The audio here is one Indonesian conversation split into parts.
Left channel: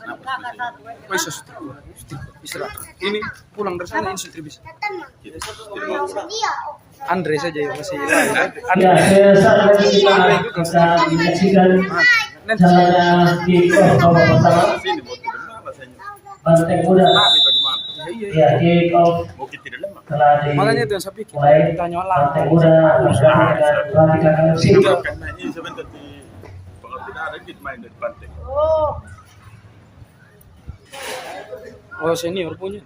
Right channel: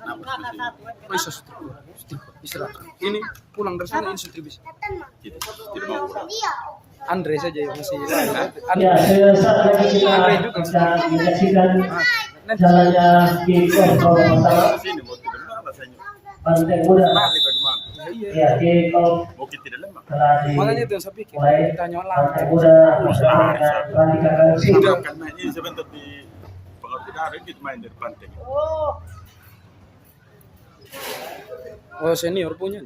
Oh, istirahat. Ini pulang dari sana ini bisa. Andre saja yang masih. Ya, saya saat ini kita akan menyaksikan jalannya kick off babak pertama Banteng Muda. Ya, kick off telah Makanya itu yang saya pikir. dimulai. Banteng Muda bersama dengan Pratika KFC. Karena ini sebentar di pengertian kita main di Banteng. Oh, senior punya.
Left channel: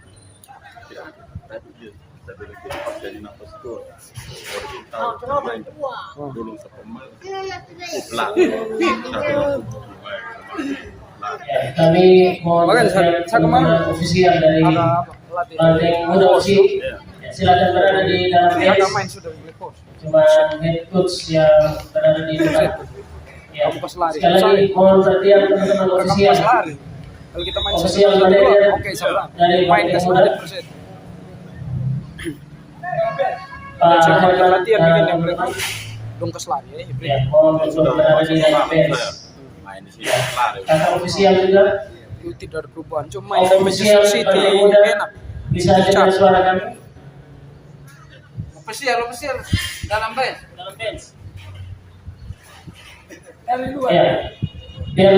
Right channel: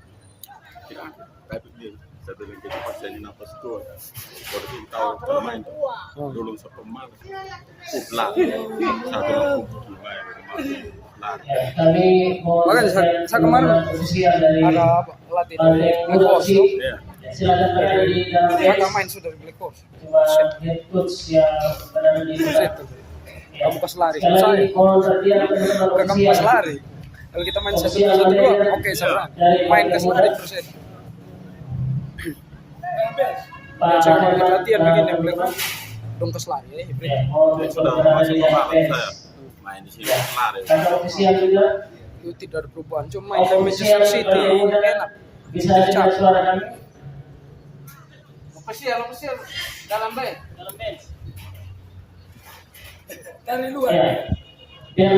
Ya, tapi dia satu lagi pas jadi nafas tua. Baru kita tahu main dulu sepemain. Lah, Ya, kami mohon Makanya perhatian saya kemarin teman-teman ofisial dari ada pelatih. Banteng Muda FC. Ya, silakan berada di dalam Saya garis. main sudah di coach. Cuma head coach yang berada di depan. Ya, Pas lari. sekali lagi mohon perhatian teman-teman Rekam ofisial. pas lari. Kalau kita main Ofisial 1-2, manajer oke seberang. dari Main ke Banteng Muda. 100%. Pak Saya kalau Herman latihan dan begini, teman-teman. dongkes lagi. Ya, mohon untuk berada di dalam garis. main di sini Ya, lari. kakak ofisial juga. Itu tidak ada perubahan. Cuma main di Ofisial Manchester City Banteng Muda enak. bisa dengar suara kami. Official dalam bench. Dari luar. Ya, dan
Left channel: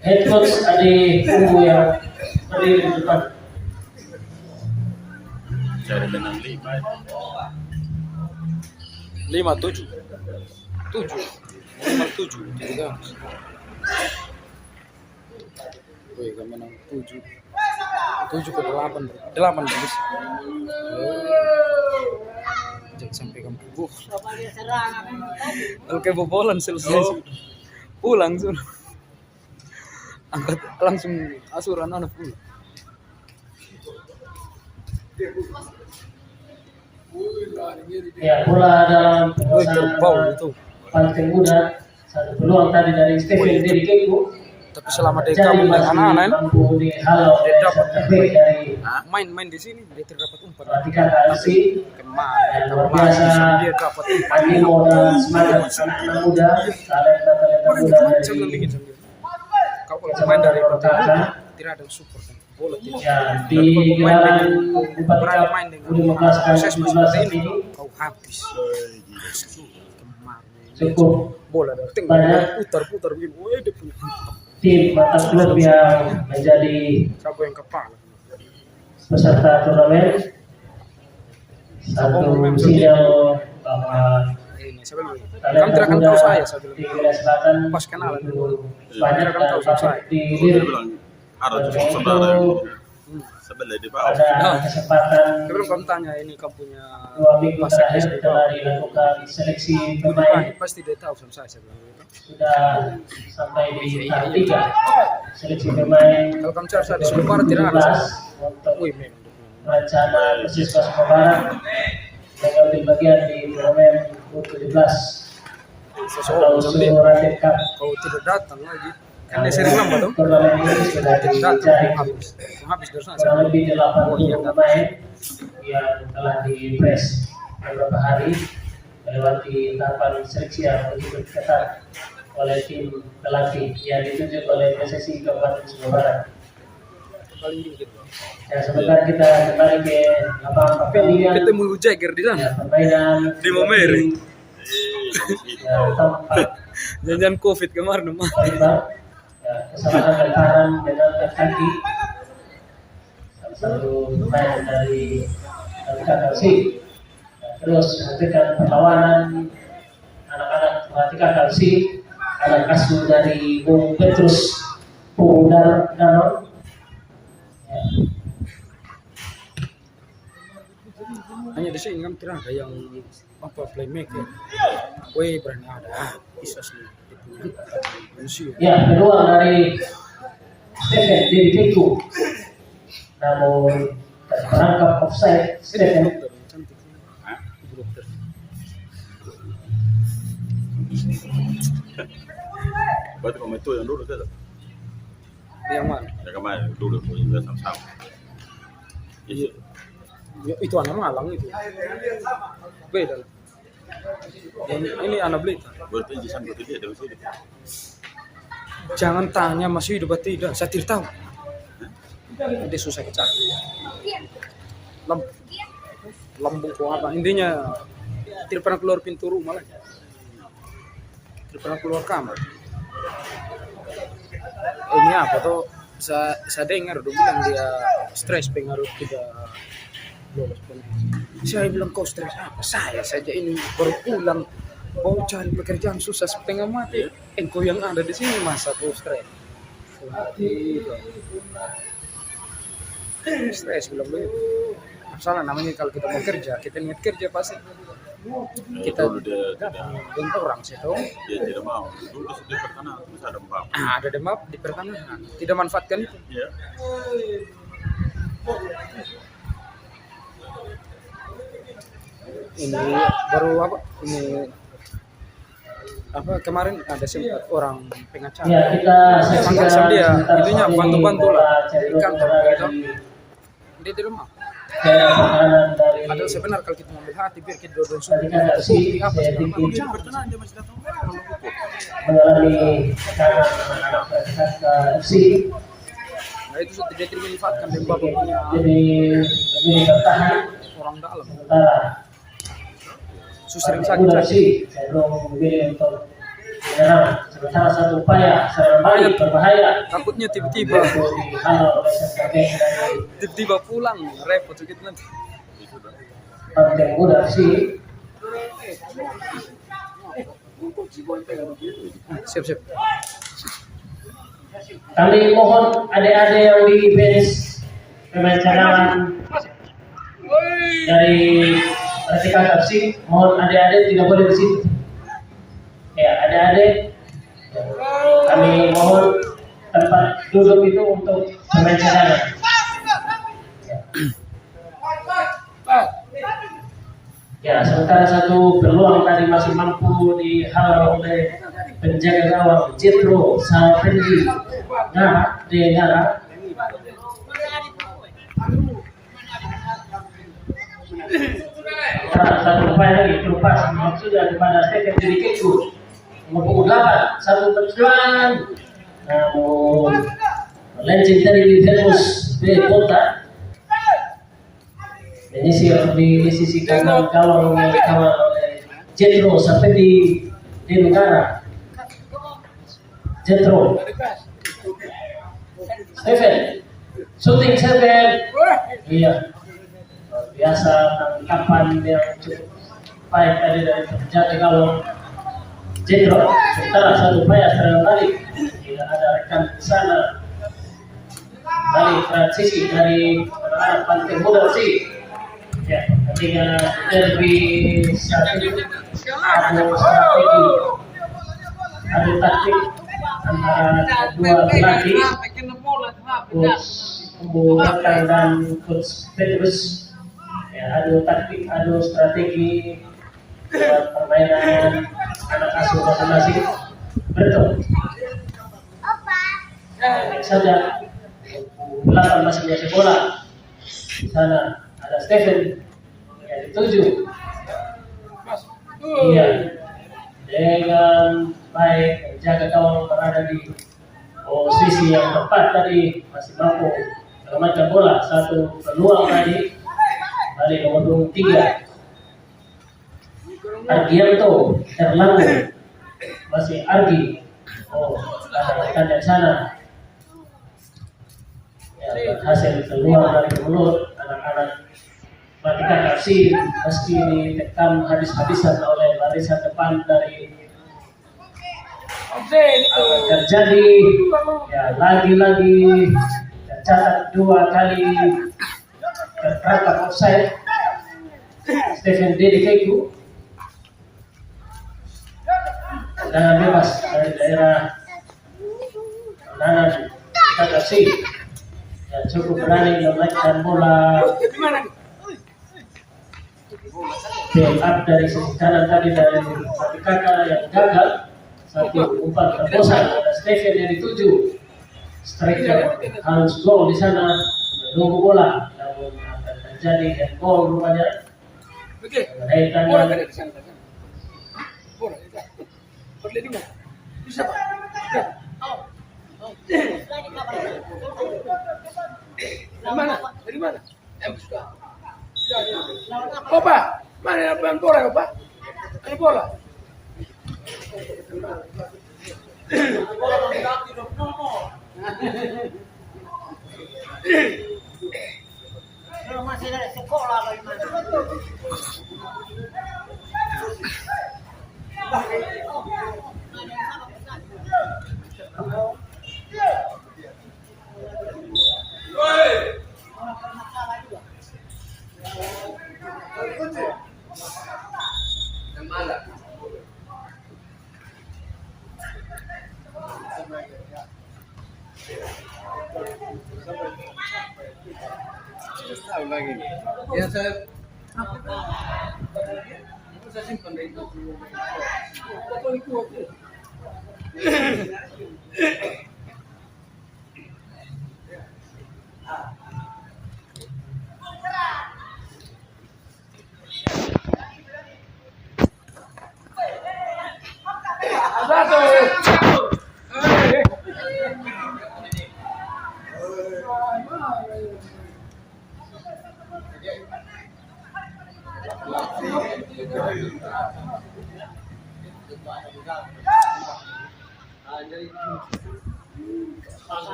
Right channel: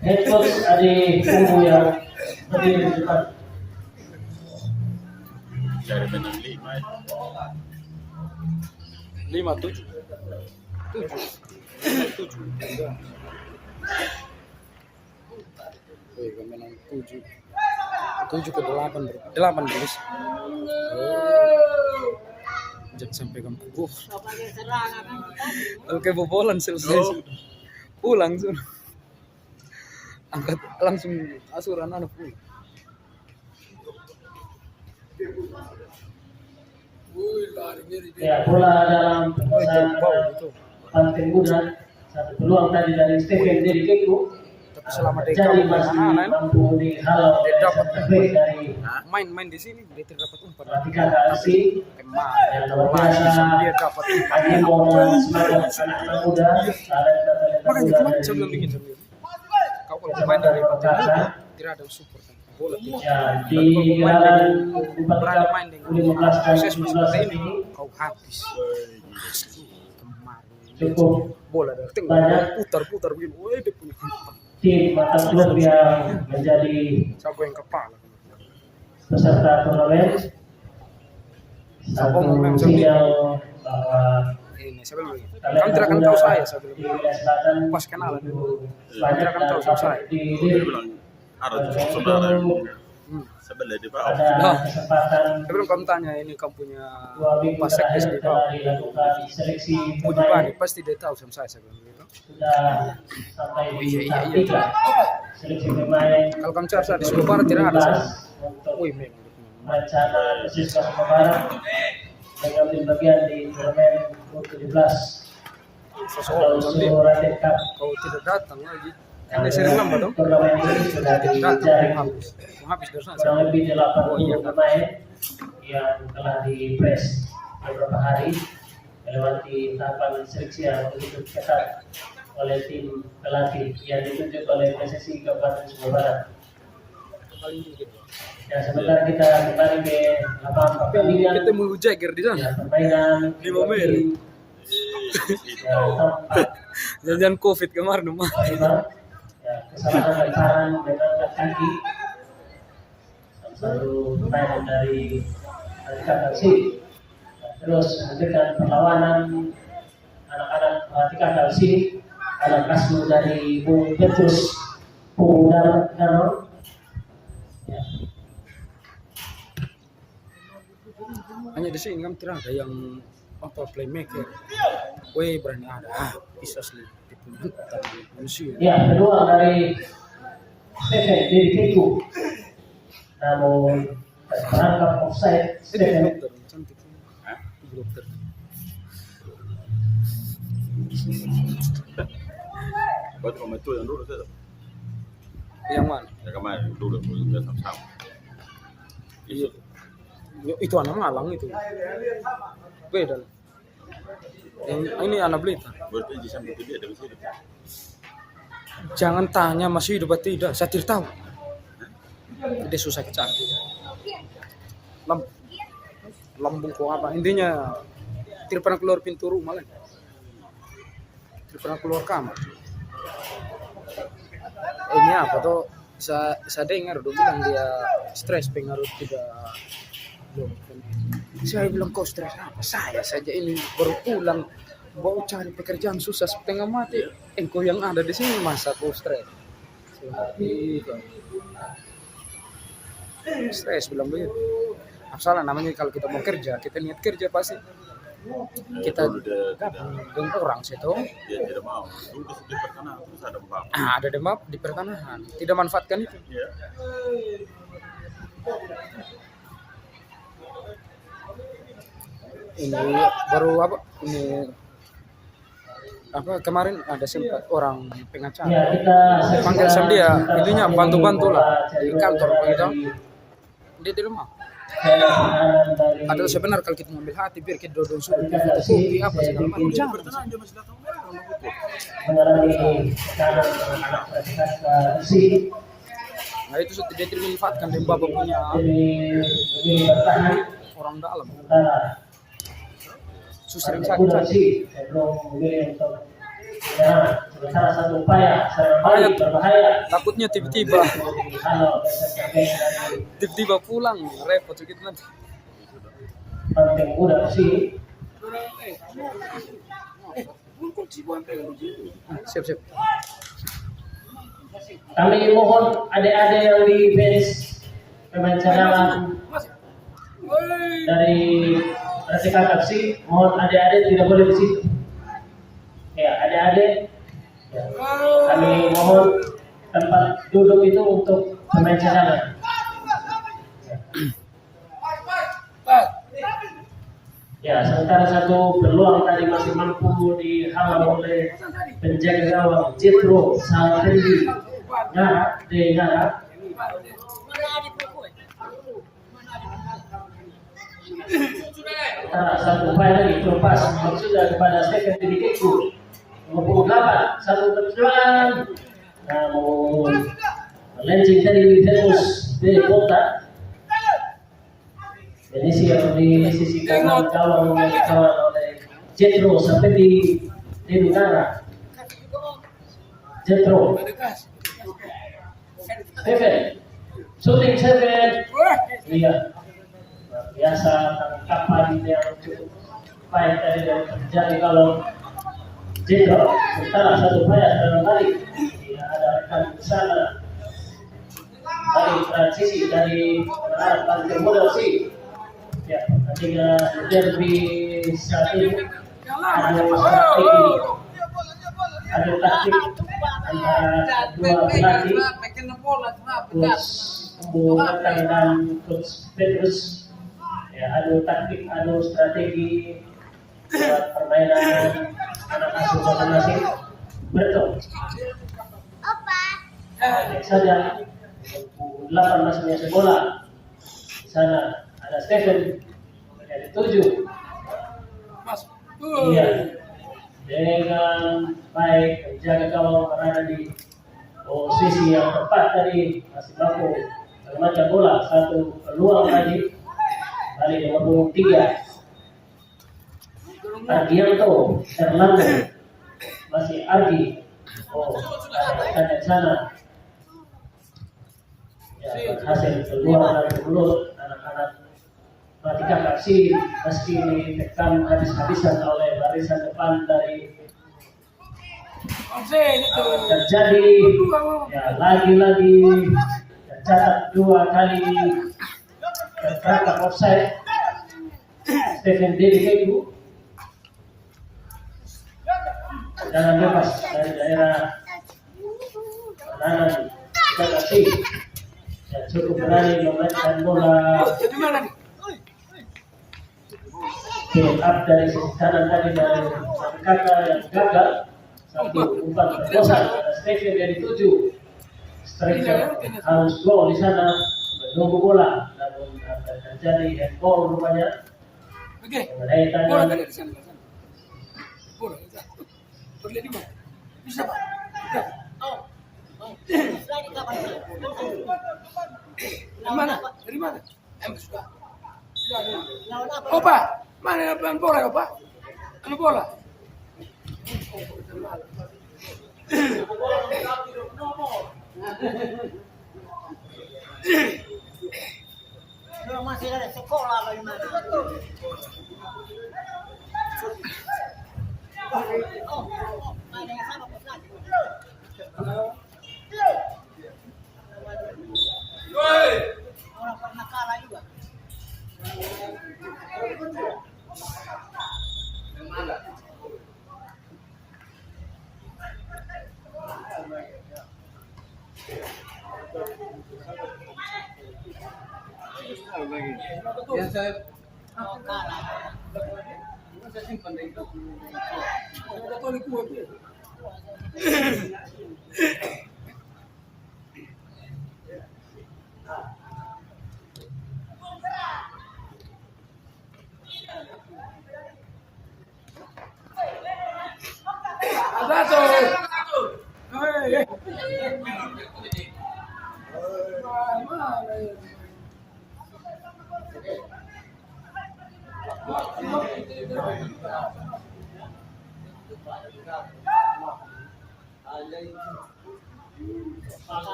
head coach Adi Kumbu yang berdiri di depan. Saya dengan 5. 5-7. 7 juga. Wih, kami menang 7 ke 8 guys. Jangan sampai kamu kalau kayak bobolan selesai pulang suruh angkat langsung asuran anak pulang. Ya, bola dalam penguasaan Itu. Banteng Muda. Satu peluang tadi dari Stephen Derikeku. Tapi selama dia kamu dengan anak-anak mampu dihalau oleh dapat terbaik dari main di sini dia tidak dapat umpan. Pratika KFC. Kemarin Dan luar biasa dia dapat umpan. animo dan semangat anak-anak muda, talenta-talenta Makanya muda kemarin dari saya bilang begitu. Kau kalau main dari pertama tidak ada support. Bola tidak. ya di gelaran Bupati main Cup U15 dan proses U17 seperti ini kau habis. cukup Bola dari tengah banyak putar begini. Woi, dia punya tim atau klub yang menjadi siapa yang kepala. peserta turnamen. Satu sinyal bahwa Kamu tidak akan tahu saya di wilayah selatan pas kenalan. itu banyak Tidak akan tahu dan saya. di Dia bilang ada oleh tujuh itu saudara sebelah di bawah. ada kesempatan Dia bilang kamu tanya ini kamu punya 2 minggu pas terakhir saya telah dilakukan seleksi punya pemain. pasti dia tahu sama saya. Sudah sampai di tahap 3 seleksi pemain Kalau kamu cari saya di Sumba Barat tidak ada. 2017 untuk Wih, memang. rencana Persis Sumba Barat yang ambil bagian di turnamen U17 atau Suratin Cup. Kau tidak datang lagi. Kan dia sering lama tuh. Turnamen ini sudah Datang dicari habis dari sana. kurang lebih 80 pemain yang telah di-press beberapa hari melewati tahapan seleksi yang begitu ketat oleh tim pelatih yang ditunjuk oleh PSSI Kabupaten Sumba Barat. Ya, sebentar kita kembali ke lapangan pertandingan. Kita mau Jagger di Ya, sana. permainan Di Momeri. ya, top 4 Jangan COVID kemarin mah. ya, kesalahan lemparan dengan kaki salah satu pemain dari KFC. Terus menghentikan perlawanan anak-anak Pratika KFC, anak asuh dari Bung Petrus Pudar. Ya. Hanya di sini kan tidak ada yang apa playmaker. Wih, berani ada. Bisa sih. Ya, peluang dari Stephen Derikeku, namun terperangkap offside Stephen. Berarti kamu itu yang dulu saja. Yang mana? Ya kemarin dulu juga sama-sama. Itu Itu anak Malang itu. Beda. Ini anak Blitar. berarti di sana dia dari sini. Jangan tanya masih hidup atau tidak, saya tidak tahu. Itu susah dicari. Lambung kok apa? Intinya tidak pernah keluar pintu rumah lagi. Tidak pernah keluar kamar. Ini apa tuh? Saya dengar dong bilang dia stres pengaruh tidak lolos. Saya bilang kau stres apa? Saya saja ini baru pulang mau cari pekerjaan susah setengah mati. Engkau yang ada di sini masa kau stres? Stres bilang begitu. Salah namanya kalau kita mau kerja, kita niat kerja pasti kita bentuk orang situ. Dia tidak mau. Tugas di pertanahan terus ada mbak. Ada demam di pertanahan, tidak manfaatkan. Iya. Ini baru apa? Ini apa kemarin ada sempat orang pengacara. Ya, kita Panggil sama dia, sekitar intinya hari bantu-bantu lah cari di kantor dari begitu. Dia di rumah. kebenaran dari Ada sebenarnya kalau kita ngambil hati biar kita dodon tadi sudah kata si apa saya segala macam. pikir Jangan bertenang aja masih datang. mengalami tekanan anak-anak si Nah itu sudah tidak dimanfaatkan dari bapak punya jadi lebih bertahan orang dalam. sementara Sering Pak sakit Gudang sakit. si cenderung memilih untuk menyerang sementara satu upaya serangan balik berbahaya Takutnya tiba-tiba dihalau oleh sebagai dari tiba-tiba pulang repot sedikit nanti. Banteng Gudang si Siap-siap. kami mohon adik-adik yang di finish pemain cadangan dari Racikan FC, mohon adik-adik tidak boleh di situ. Ya, adik-adik, ya, kami mohon tempat duduk itu untuk pemain cadangan. Ya, sementara satu peluang tadi masih mampu dihalau oleh penjaga gawang Jethro Salvendi. Nah, Dengar. Nah, satu upaya lagi lepas maksudnya kepada Stephen Dedikeku nomor 8 satu perjuangan namun melenceng tadi di Venus B Kota menyisir di sisi kanan gawang yang dikawal oleh Jethro sampai di Denugara. Jethro Stephen shooting Stephen iya biasa tangkapan yang cukup baik tadi dari penjaga gawang Jethro. Sementara satu upaya serangan balik tidak ada rekan di sana balik transisi dari Banteng Muda si ya pertandingan derby strategi ada taktik antara dua pelatih coach Kubu Bakar dan coach Petrus. Ya, adu taktik, adu strategi permainan anak asuh masing-masing. Betul. Saja 8 masih menjadi bola. Di sana ada Stephen yang dituju. Iya. Dengan baik menjaga gawang berada di posisi yang tepat tadi masih mampu menyelamatkan bola. Satu peluang tadi balik nomor 23 Argianto Erlangga masih Argi rekan dari sana ya, berhasil keluar dari mulut anak-anak Matikan FC meski ditekan habis-habisan oleh barisan depan dari terjadi ya lagi-lagi tercatat 2 kali tertangkap offside Stephen Dedikeku dan bebas dari daerah kanan Kakasi ya, cukup berani memainkan bola build up dari sisi kanan tadi dari Mati Kakak yang gagal satu umpan terobosan pada Stephen yang dituju striker harus gol di sana menunggu bola namun terjadi dan gol rupanya mengenai tangan Mana? Dari mana? Sudah. Oh, Pak. Mana bola, Pak? Mana bola? Masih ada sekolah bagaimana? Ada yang sama pesan. Orang pernah kalah juga. Yang mana? Yang saya simpan dari itu.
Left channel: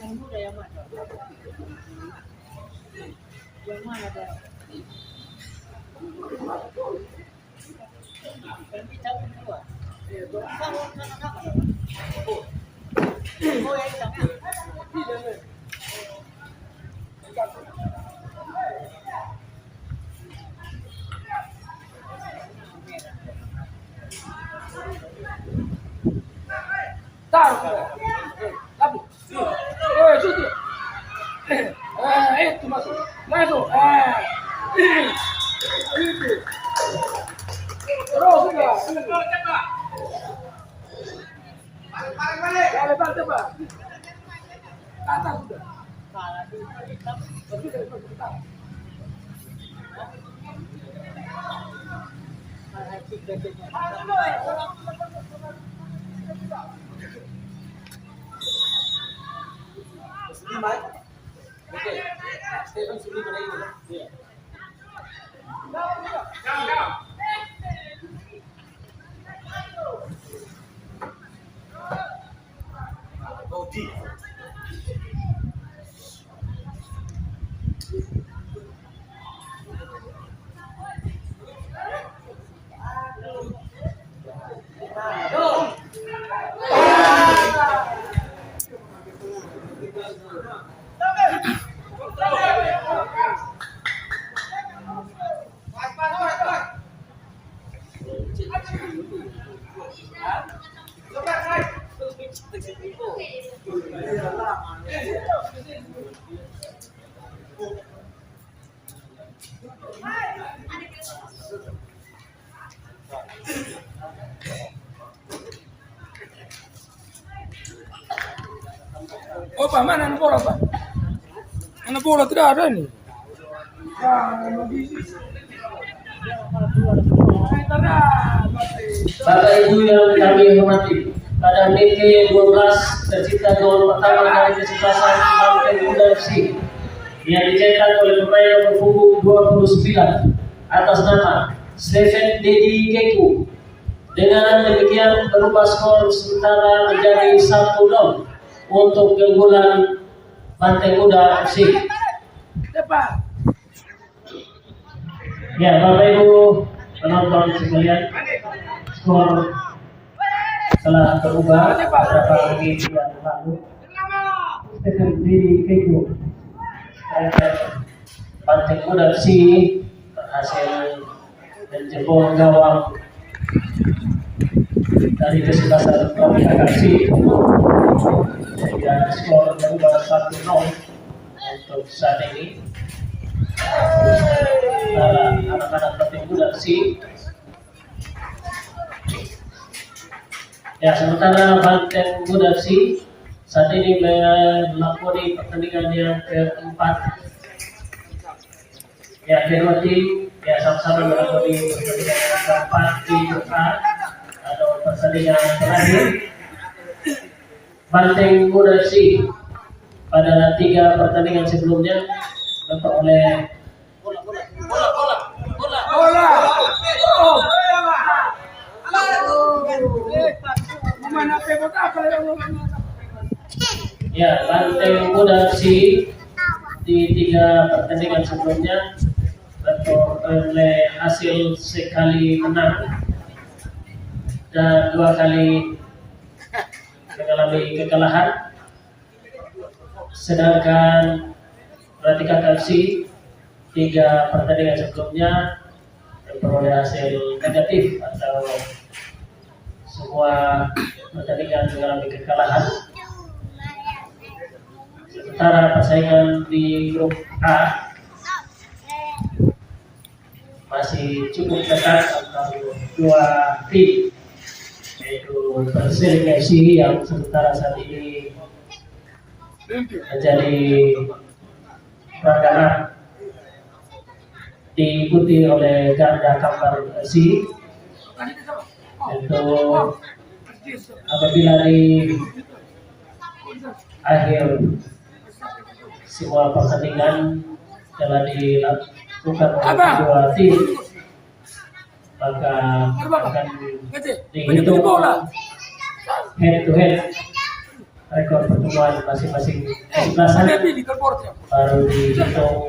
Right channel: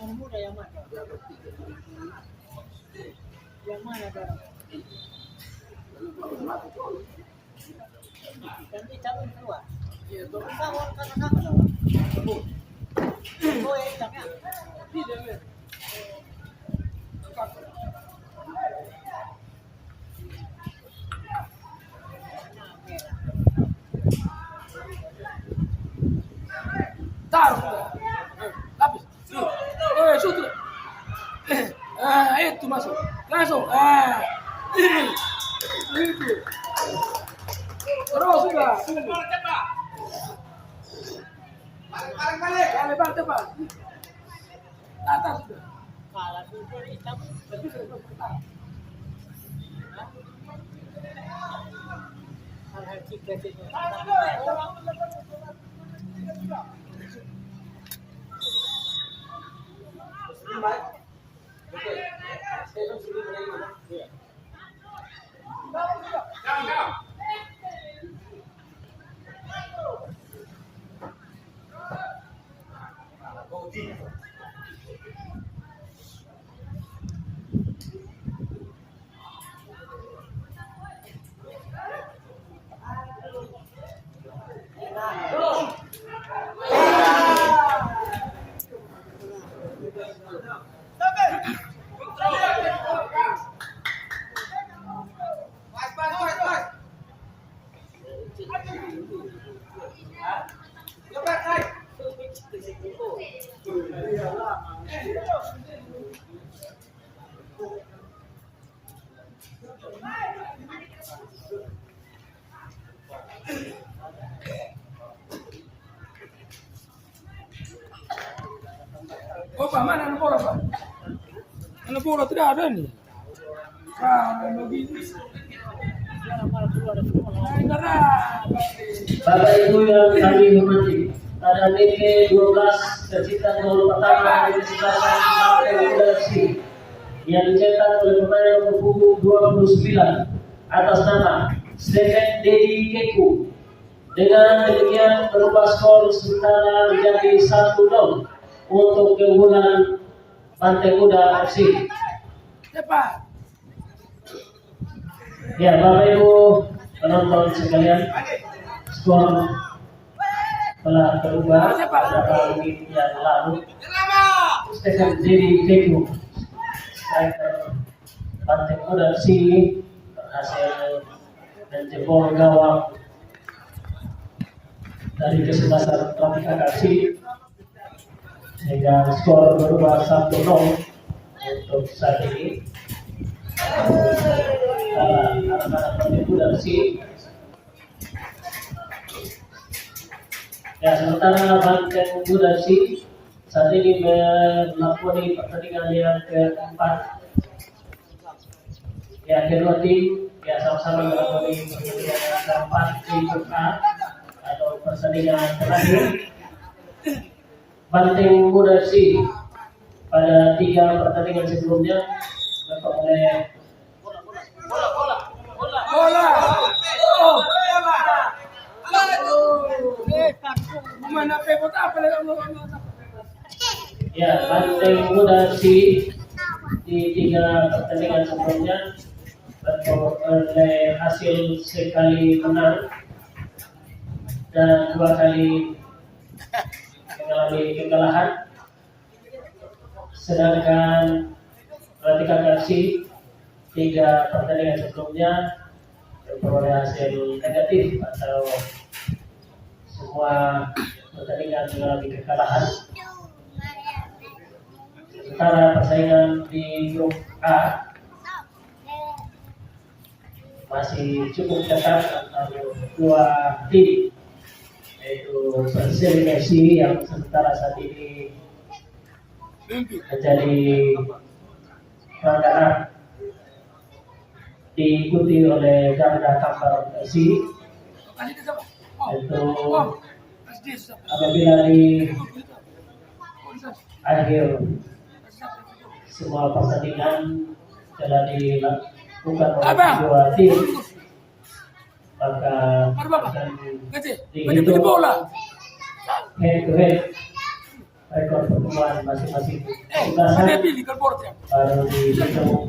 Yang muda yang mana? Yang mana? Nanti cabut keluar. Kalau karena apa? Oh yang jangan. Itu masuk langsung itu terus sudah balik cepat atas sudah Kalah dulu hitam. Oh, Pak, mana anak bola, Pak? Anak bola tidak ada nih. Bapak Ibu yang kami hormati, pada menit 12 tercipta gol pertama dari kesuksesan Banteng Muda FC yang dicetak oleh pemain nomor punggung 29 atas nama Stephen Dedi Keku. Dengan demikian berubah skor sementara menjadi 1-0 untuk keunggulan Banteng Muda FC. Cepat. Ya, Bapak Ibu penonton sekalian, skor telah berubah beberapa menit yang lalu. Stephen Dedi Keku, striker Banteng Muda FC, berhasil menjebol gawang dari kesebelasan Banteng FC sehingga skor berubah 1-0 untuk saat ini. Anak-anak Banteng Muda FC Ya, sementara Banteng Muda FC saat ini melakoni pertandingan yang keempat. Ya, kedua tim ya sama-sama melakoni pertandingan yang keempat di grup A atau pertandingan terakhir. Banteng Muda FC pada 3 pertandingan sebelumnya ditonton oleh ya Banteng Muda FC di 3 pertandingan sebelumnya oleh hasil sekali menang dan 2 kali mengalami kekalahan, sedangkan Ratika FC 3 pertandingan sebelumnya memperoleh hasil negatif atau semua pertandingan mengalami kekalahan. Sementara persaingan di grup A masih cukup ketat antara 2 tim, yaitu Persib FC yang sementara saat ini menjadi runner-up, diikuti oleh Garda Kambar FC. Itu apabila di akhir semua pertandingan telah dilakukan oleh kedua tim, maka akan dihitung head to head rekor pertemuan masing-masing kesebelasan, baru dihitung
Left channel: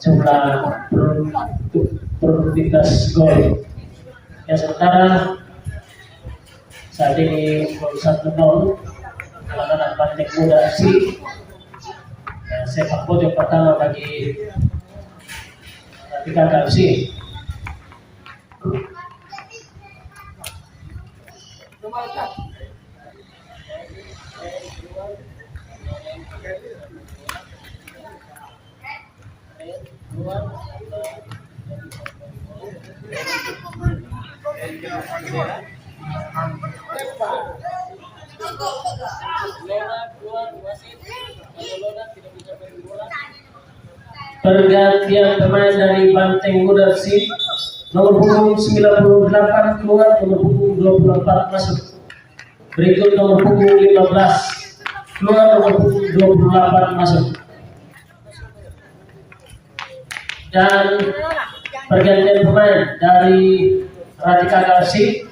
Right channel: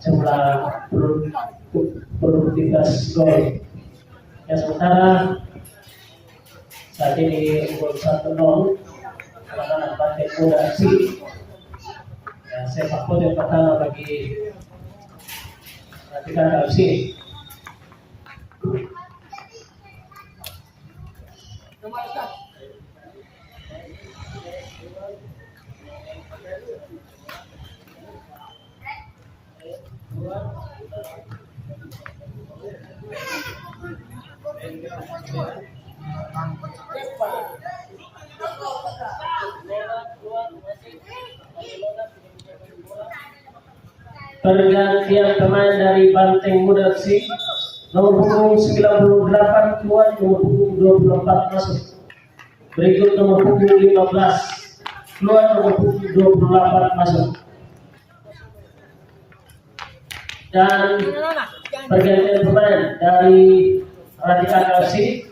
jumlah produktivitas gol. Yang sementara saat ini unggul 1-0 kemenangan Banteng Muda FC. Dan sepak bola yang pertama bagi Ratika FC. Pergantian pemain dari Banteng Muda FC, nomor punggung 98 keluar, nomor punggung 24 masuk. Berikut nomor punggung 15 keluar, nomor punggung 28 masuk. Dan pergantian pemain dari Ratika FC,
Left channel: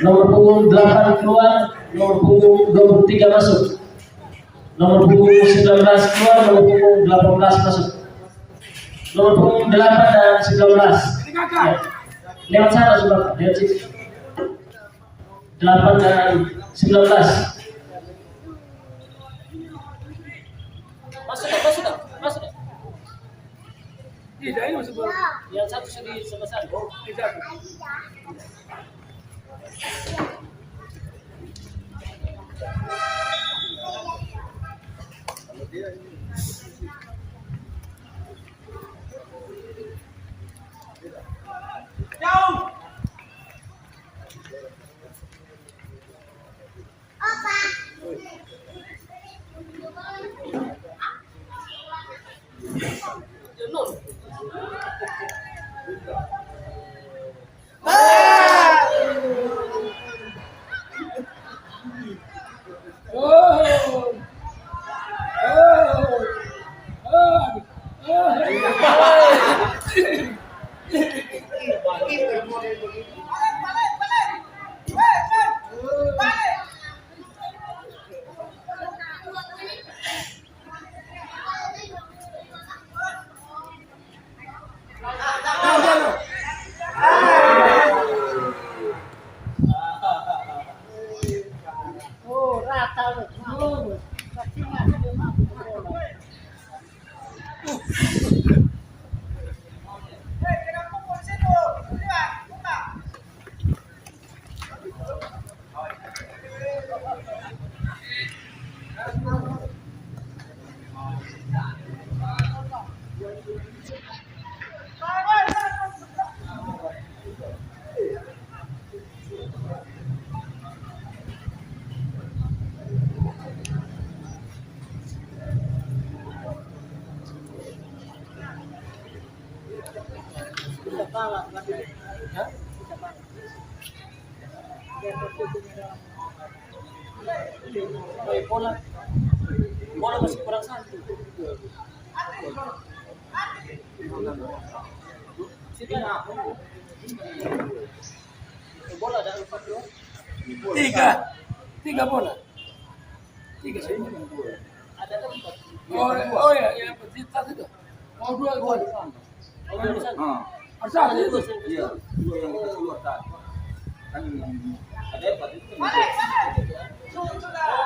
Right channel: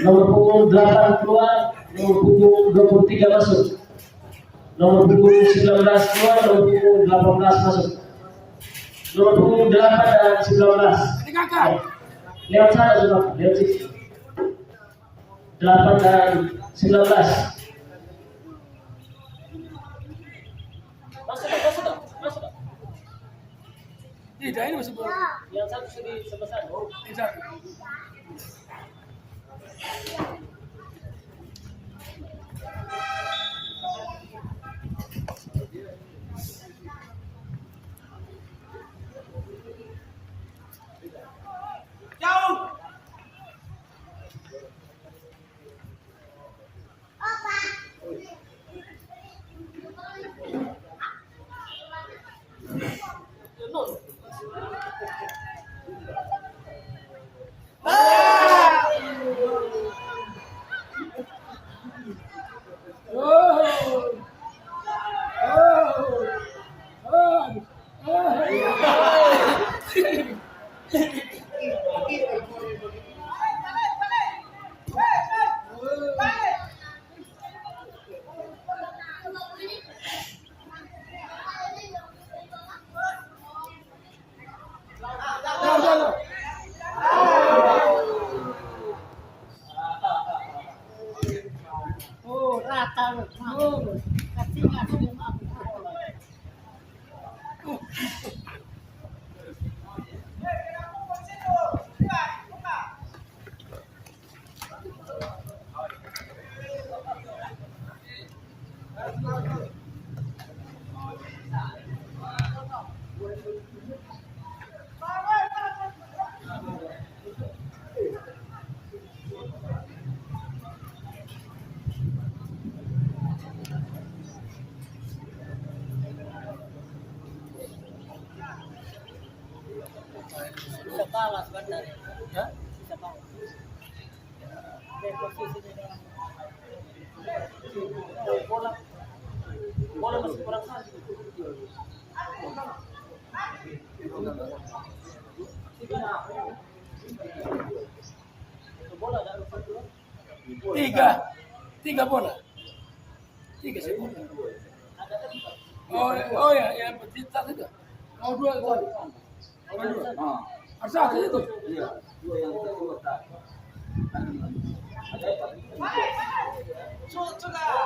nomor punggung 8 keluar, nomor punggung 23 masuk. Nomor punggung 19 keluar, nomor punggung 18 masuk. Nomor punggung 8 dan 19 ya. Lewat sana sudah, lewat situ. 8 dan 19 masuk. Tidak, ini masih bola. Yang satu sudah selesai. Tidak. Ya? Bola masih kurang satu. Bola ada 4 dong. Tiga bola. Tiga bola. Ada kan 4. Oh ya, yang kita itu. Oh dua di sana. Oh, di sana. Harus ada itu. Iya, dua yang keluar tak. Kan ada 4 itu. Oh,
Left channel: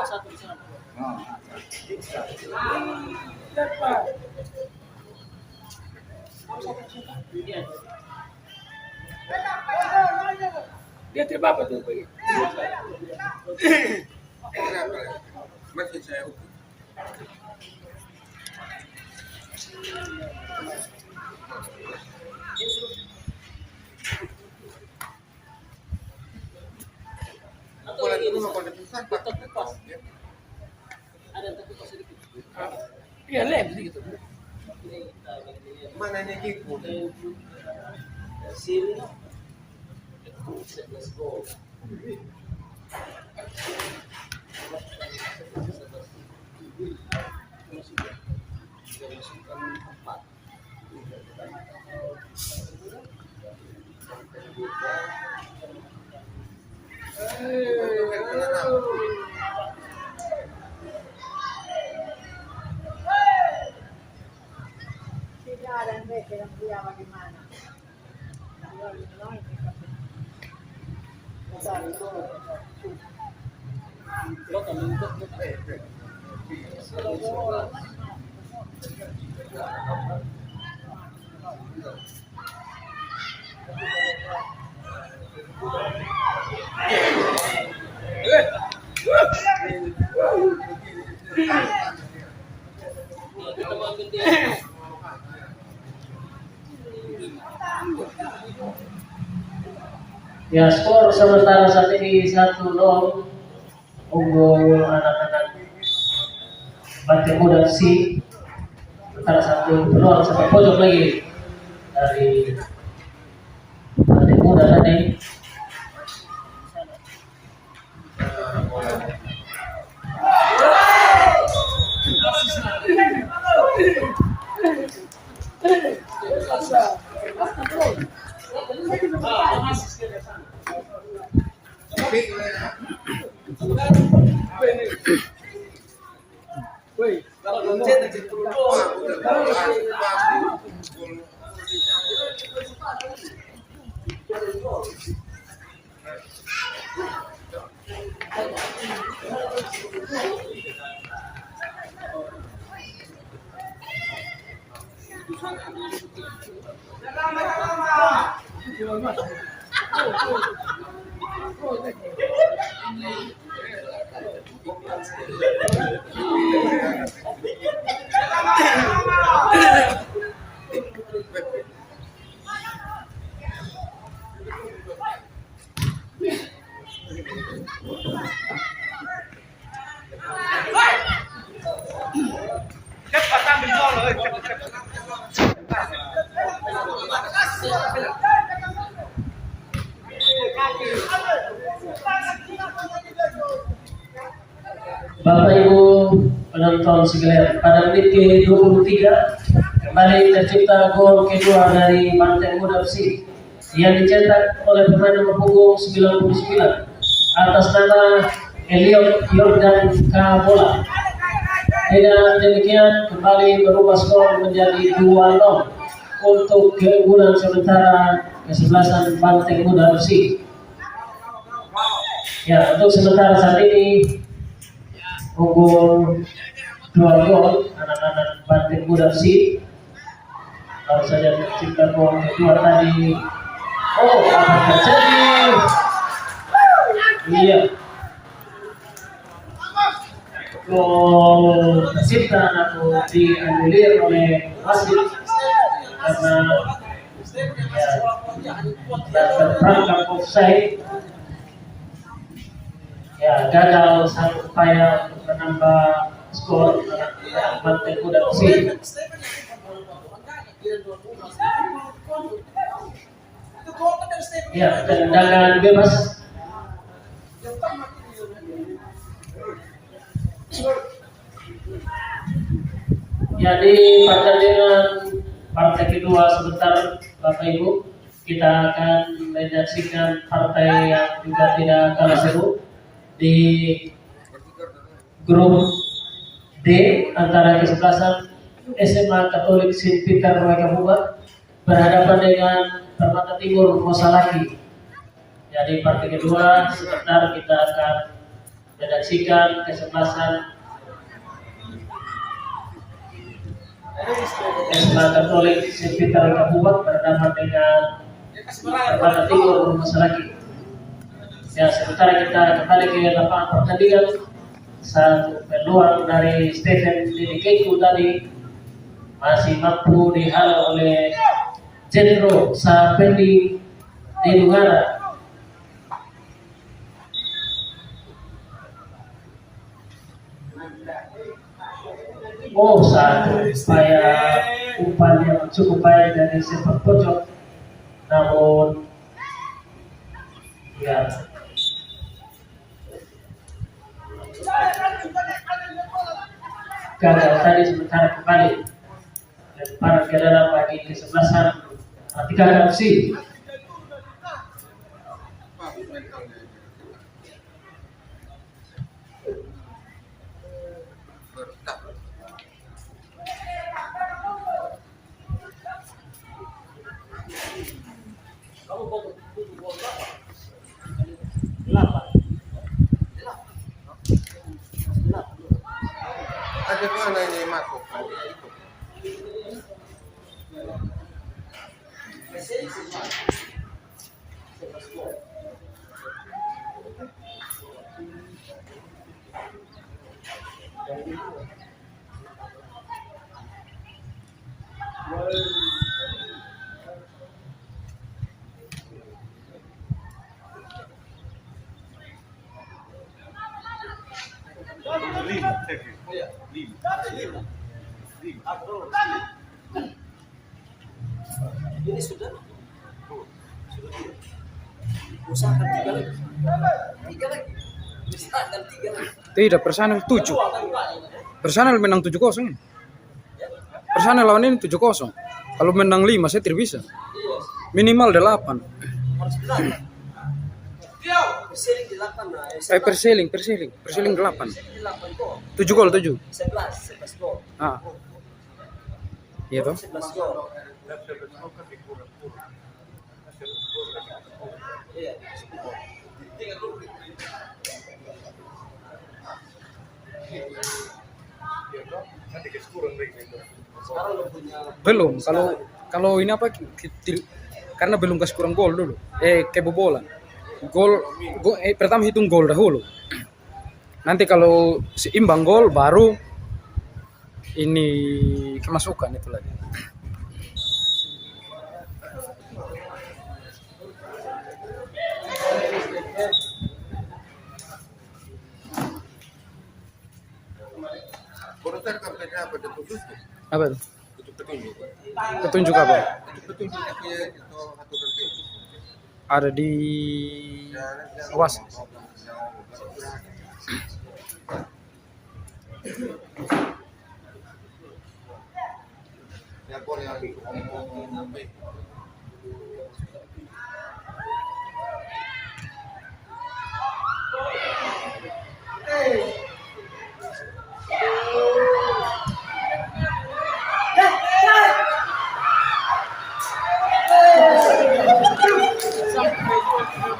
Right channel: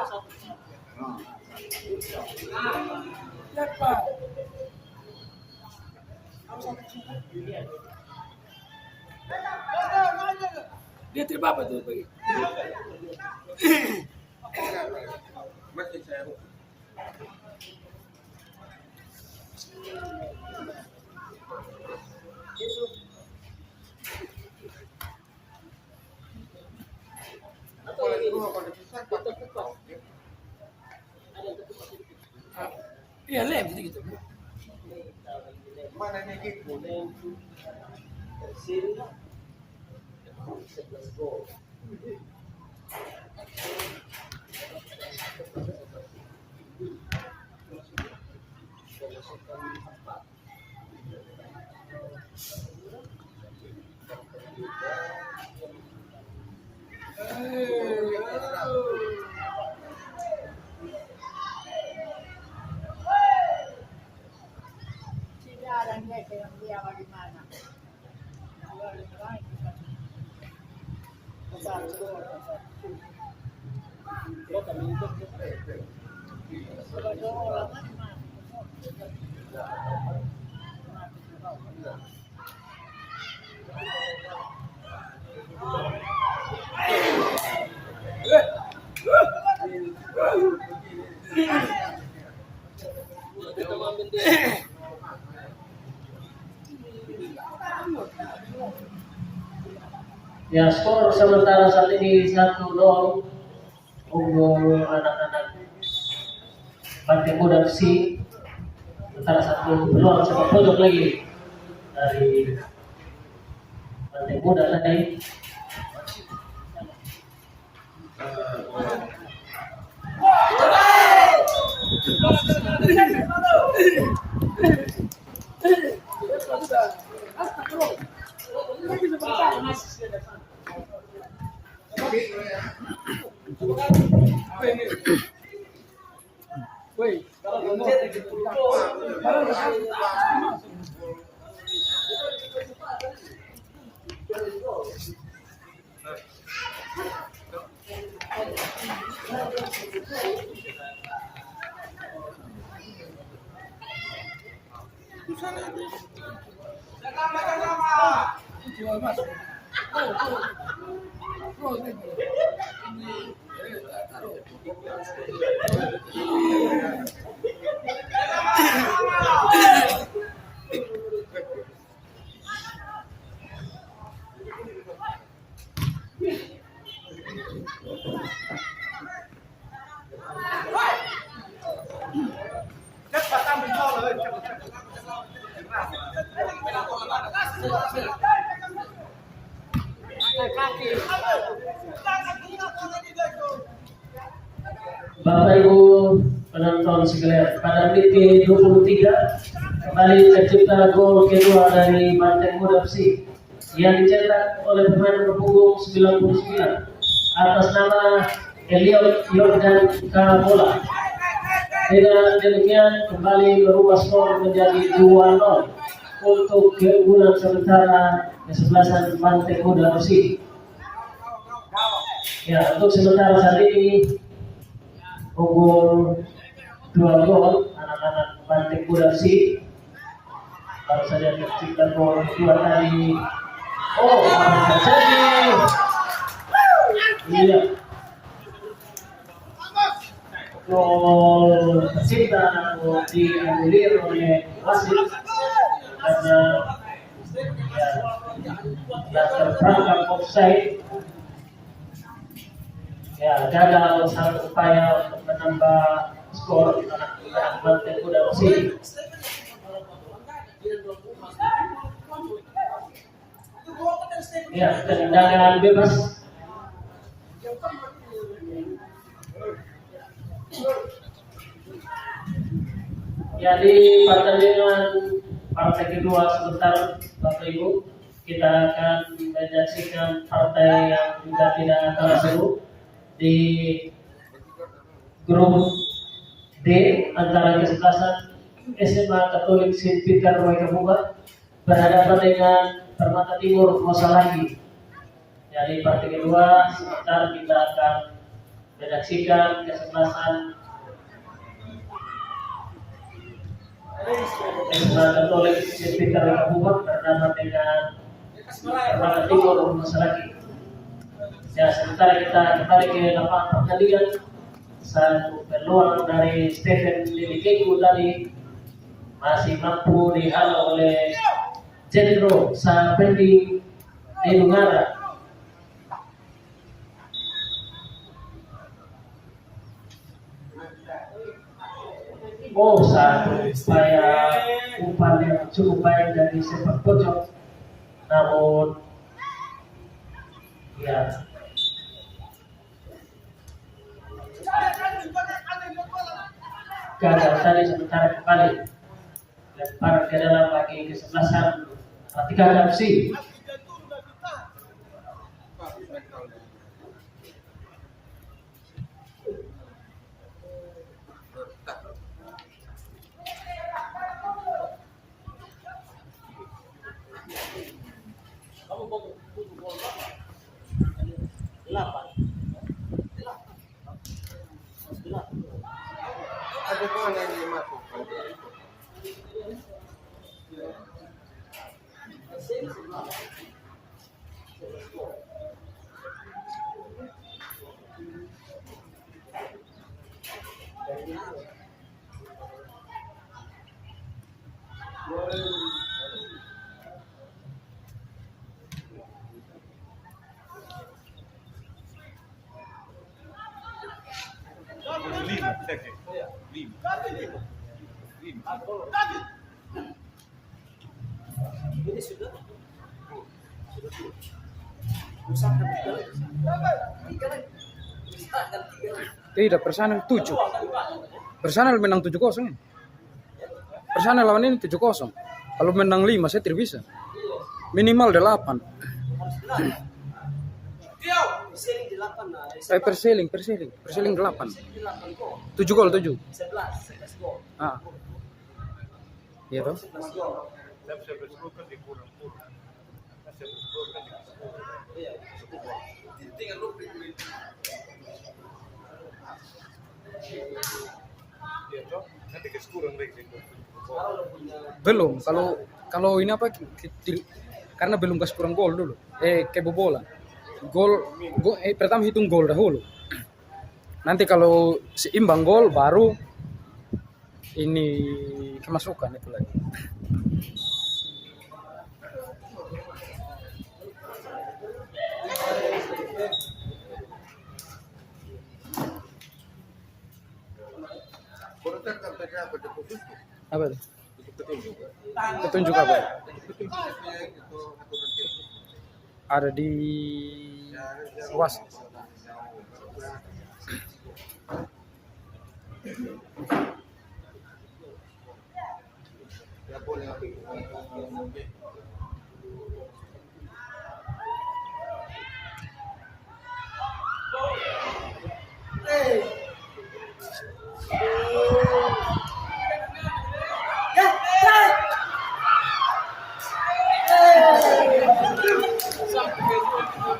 satu di sana. Cepat. Iya. Dia coba apa tuh begitu? Masih saya Atau lagi di sana. Terkupas. Ada yang terkupas sedikit. Iya lem sedikit. Ini kita bagi lihat. mana nih Kiko? Sini. Let's go. Tidak ada yang dia bagaimana. Lo kami ikut. Kita ambil dia. Ya, skor sementara saat ini 1-0 unggul anak-anak Banteng Muda FC. Sementara satu peluang sepak pojok lagi dari Banteng Muda tadi. Kalau lonceng lagi Bapak Ibu penonton sekalian, pada menit ke-23 kembali tercipta gol kedua dari Banteng Muda FC yang dicetak oleh pemain nomor punggung 99 atas nama Eliot Yordan Kabola. Dengan demikian kembali berubah skor menjadi 2-0 untuk keunggulan sementara kesebelasan Banteng Muda FC. Ya, untuk sementara saat ini unggul 2 gol anak-anak Banteng Muda FC. Baru saja tercipta gol kedua tadi. Oh, apa terjadi? Iya. Gol tercipta namun dianulir oleh wasit karena terperangkap offside. Ya, gagal sang upaya untuk menambah skor anak Banteng Muda FC. Ya, tendangan bebas. Ya, di pertandingan partai kedua sebentar Bapak Ibu, kita akan menyaksikan partai yang juga tidak kalah seru di grup D antara kesebelasan SMA Katolik Saint Peter Roy Kabupaten berhadapan dengan Permata Timur Mosalaki. Jadi partai kedua sebentar kita akan menyaksikan kesebelasan SMA Katolik Saint Peter Roy Kabupaten berhadapan dengan Permata Timur Mosalaki. Ya, sementara kita kembali ke lapangan pertandingan. Satu peluang dari Stephen Dedikeku tadi masih mampu dihalau oleh Jenero Sapendi Denungara. Oh, satu upaya umpan yang cukup baik dari sepak pojok, namun ya gagal tadi. Sementara kembali lemparan ke dalam bagi kesebelasan Atika FC. Ada mana ini masuk? Ini sudah usahakan 3 lagi. 3 lagi. Usahakan 3 lagi. Tidak, Personal 7. Personal menang 7-0. Personal lawan ini 7-0. Kalau menang 5 saya tidak bisa. Harus Minimal 8. 8. Perseling 8 nah. Perseling 8. Perseling 8 gol. 7 gol 7. 11 gol. Ah. Iya toh? 11 gol. Iya. Belum. Kalau ini apa? Karena belum kasih kurang gol dulu. Kebobolan. Pertama hitung gol dahulu. Nanti kalau seimbang gol baru ini kemasukan itu lagi. Komentar kampanye apa itu khusus? Apa itu? Itu petunjuk. Petunjuk apa? Itu petunjuknya itu aturan teknis. Ada di awas. Ya boleh ngomong.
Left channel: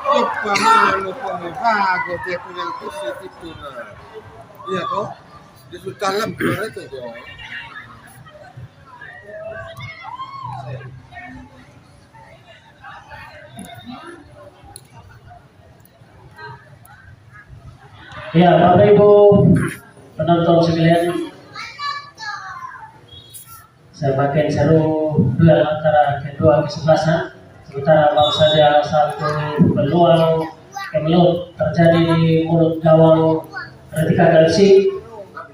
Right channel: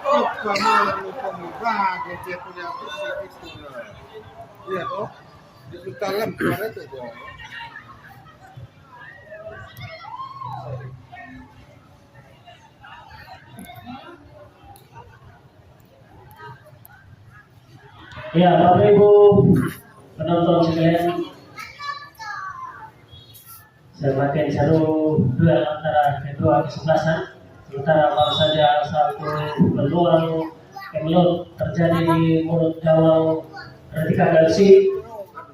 Apa malu pembaga dia punya positif itu lah. Iya toh? Dia sudah dalam suara itu toh. Ya, Bapak Ibu penonton sekalian, semakin seru duel antara kedua kesebelasan. Sementara baru saja satu peluang kemelut terjadi di mulut gawang Retika Galsi,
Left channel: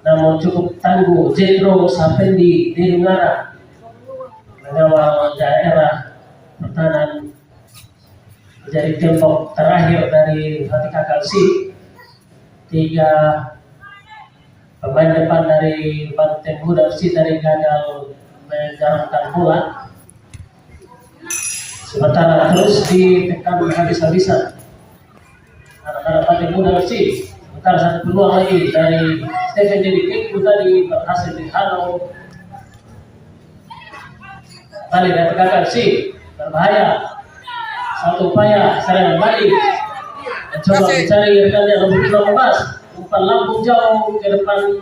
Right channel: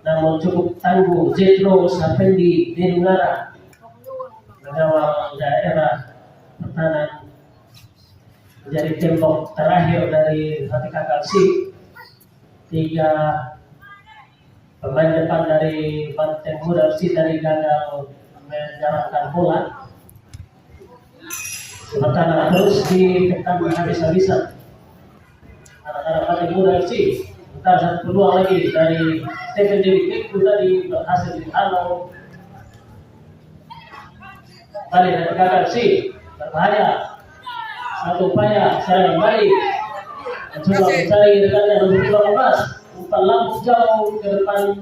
namun cukup tangguh Jetro Sapendi Denungara, gawang daerah pertahanan menjadi tiongkok terakhir dari Ratika Kalsi. 3 pemain depan dari Banteng Muda FC tadi gagal menjalankan bola. Sementara terus ditekan habis-habisan anak-anak Banteng Muda FC. Sementara satu peluang lagi dari Stephen Dedikik tadi berhasil dihalau. Balik dari Ratika Kalsi berbahaya. Satu upaya serangan balik. Mencoba mencari rekannya nomor 18. Umpan lambung jauh ke depan.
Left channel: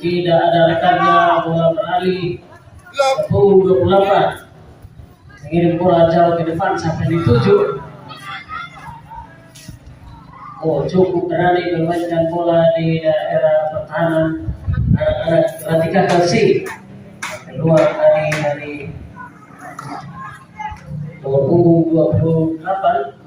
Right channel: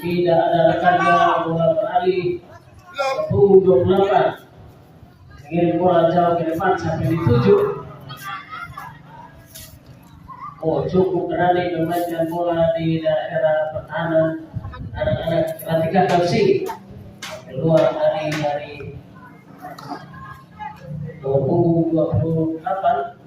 Tidak ada rekannya, bola beralih ke punggung 28. Mengirim bola jauh ke depan sampai di 7. Cukup berani memainkan bola di daerah pertahanan anak-anak Ratika Kalsi. Keluar dari nomor punggung 28.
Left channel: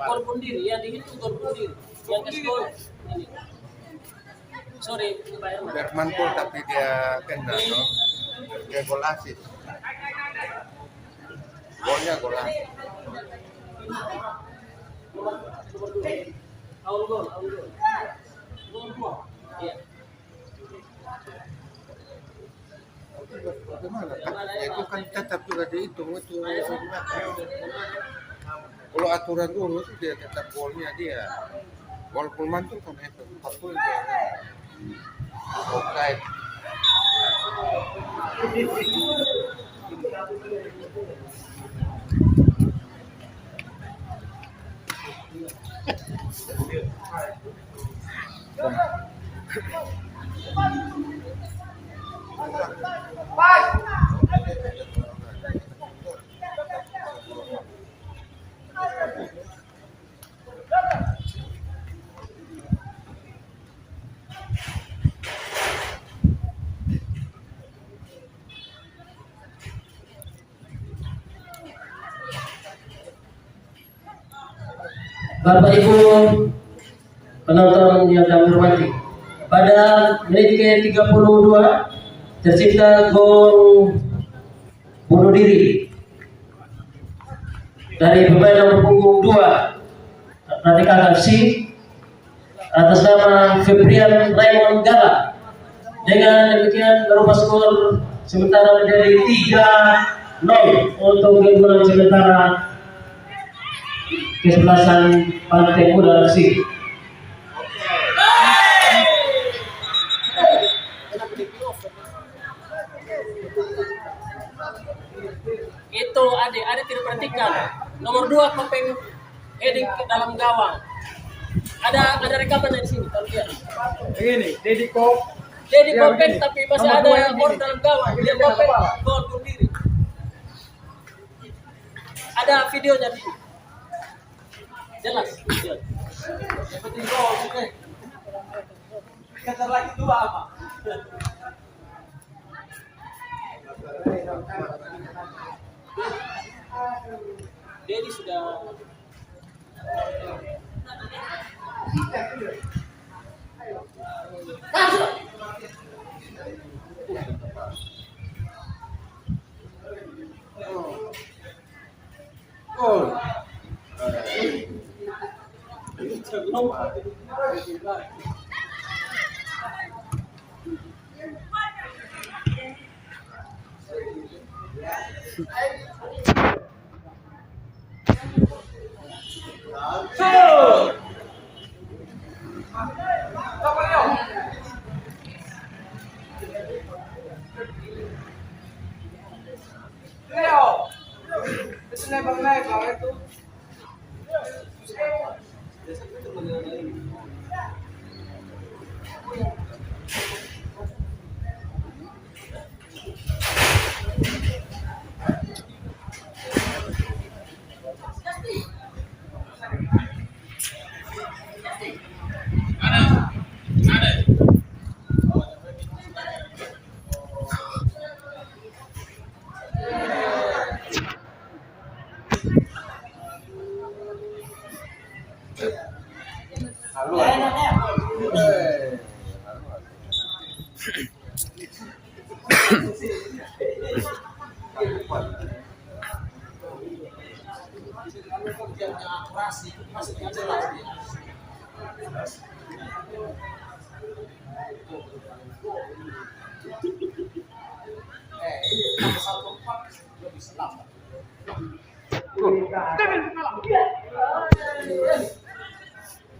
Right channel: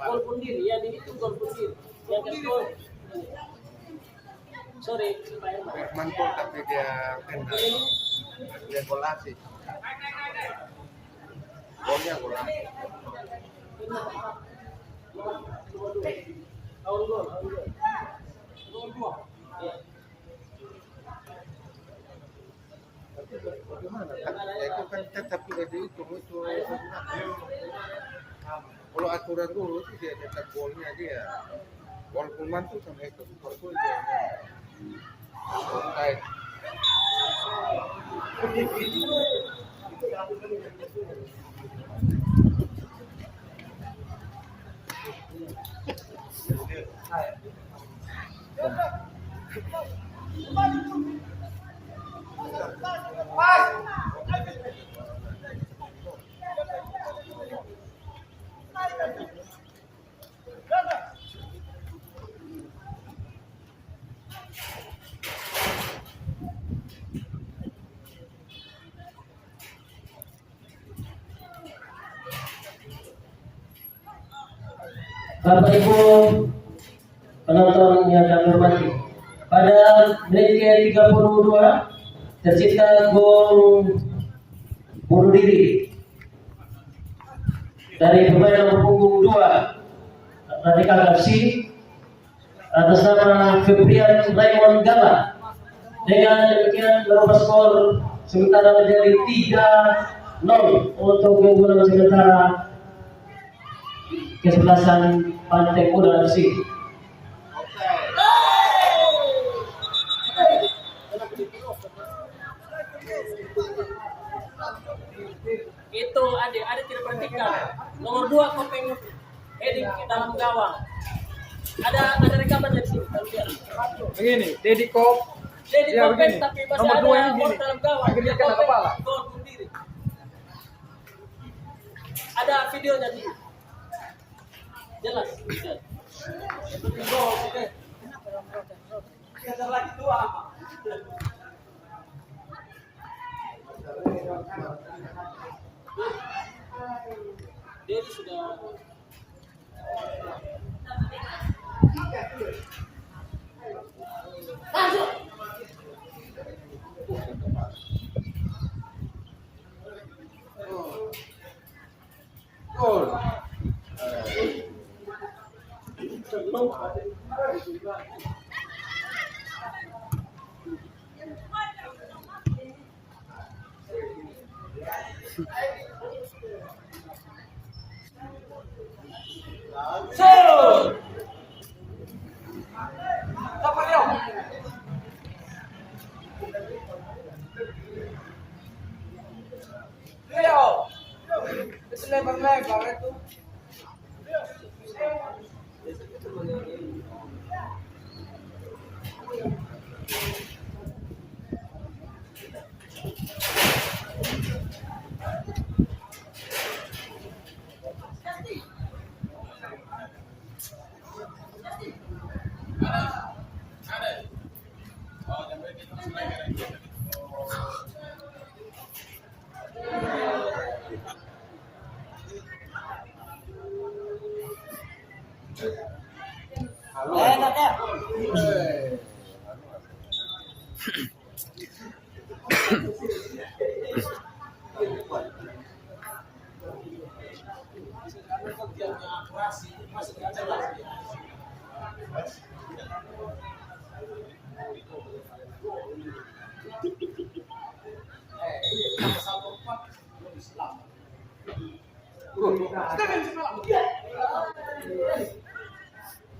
Gol bunuh diri, yang dihitung gol bunuh diri. Yang ke skor ini. Sorry, Pak Irma. Biar mantul tapi dia kena, no? Dia gol asis. Golnya gol asis. Aul gol. Iya. Bagaimana? Ya, itu kan tetap juga dihitung itu. Kalau aturan dulu tuh dia tetap golnya dia. Walaupun mantul kan itu, mantul dia. Offside. Bapak Ibu penonton yang kami hormati, pada menit ke-32 tercipta gol bunuh diri dari pemain nomor punggung 2 Ratika Kalsi atas nama Febrian Raymond Gala. Dengan demikian merubah skor sementara menjadi 3-0 untuk keunggulan sementara kesebelasan Banteng Muda FC. Itu adik tidak perhatikan. Nomor 2 Kopeng heading ke dalam gawang. Ada rekaman di sini, kalau lihat. Begini, Dedi Kopeng tapi masih ada orang dalam gawang. Dia Kopeng gol bunuh diri. Ada videonya di sini. Jelas. Penting gol, oke. Kata lagi 2 apa? Dedi sudah Gol.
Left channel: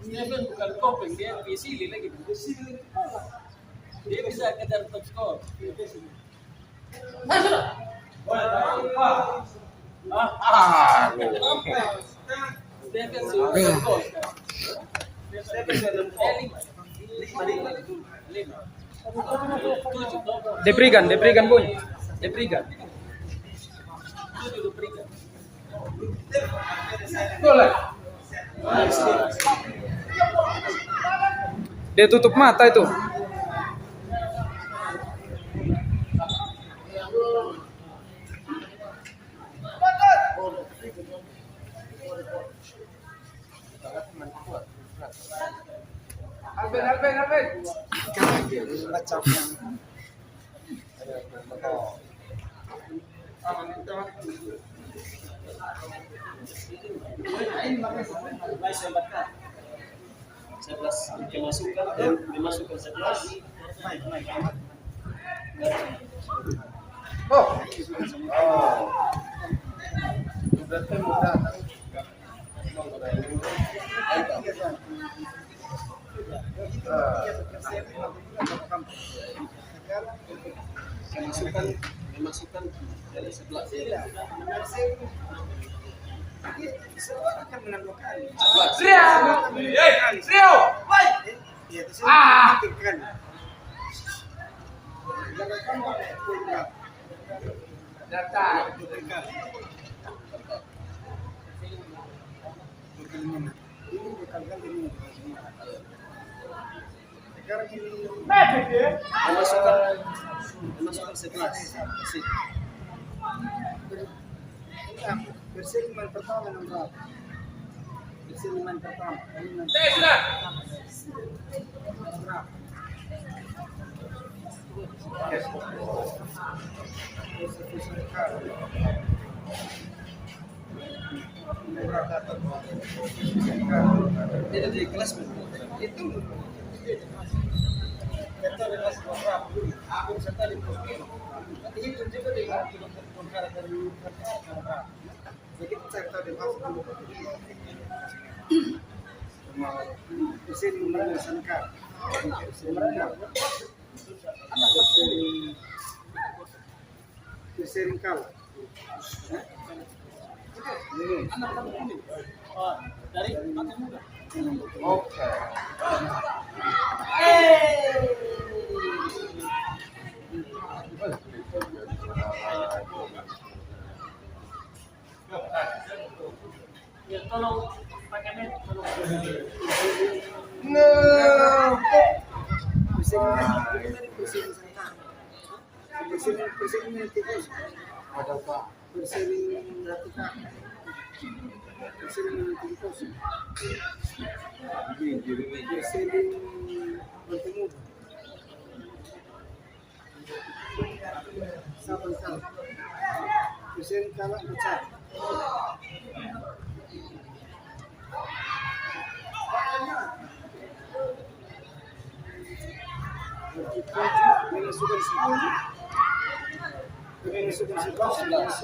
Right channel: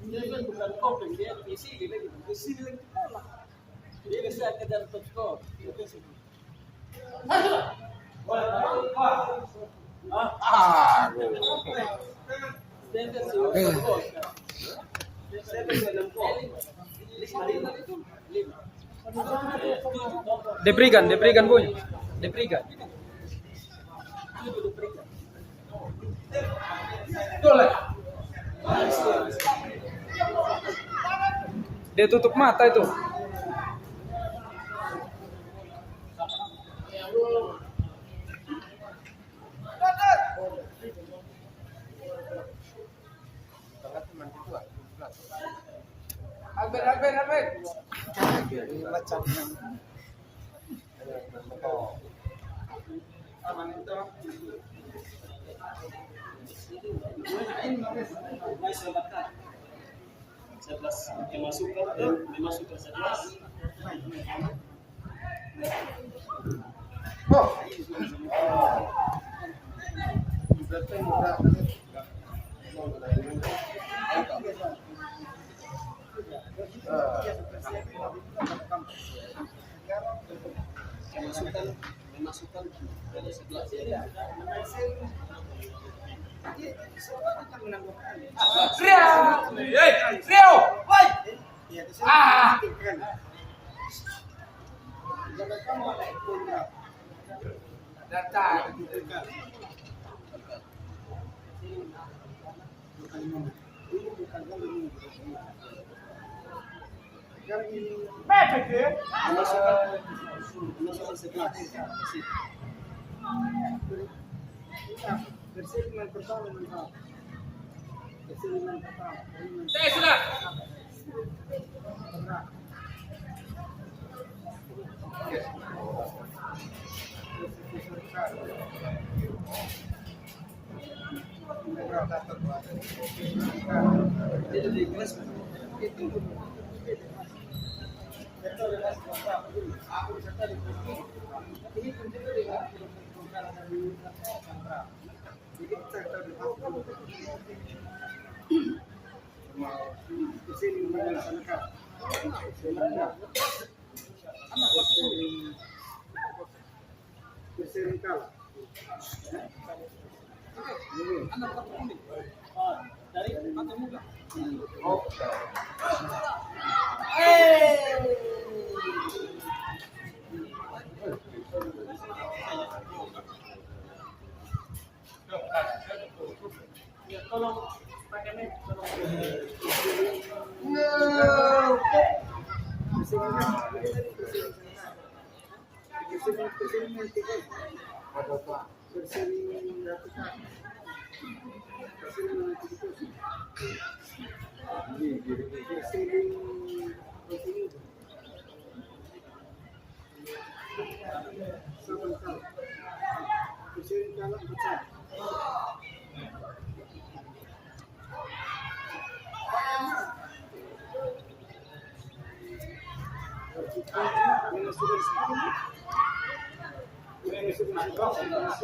Steven bukan kopeng, dia visili lagi. Dia bisa kejar top skor. Steven sudah gol. Steven sudah gol. Lima. Diberikan boy. Diberikan. Diberikan. Dia tutup mata itu. Dimasukkan dan dimasukkan 11. Dimasukkan dari 11. Dimasukkan 11. Persiliman pertama nomor berapa? Persiliman pertama. Dia di kelas Itu serta di kelas berapa? Aku serta di kelas ini. Dihitung juga dengan kilometer bongkar dari berapa? Jadi serta di kelas dulu. Persiliman mengesankan. Persiliman kalah. dari Mati Muda. Oke. Ya tolong pakai net. No. Persiliman tikus. Ada apa? Persiliman tikus. Ini. Persiliman Mati Muda. Sabar kalah. Persiliman kalah pecah. Dimasukkan 10. Dimasukkan kalah.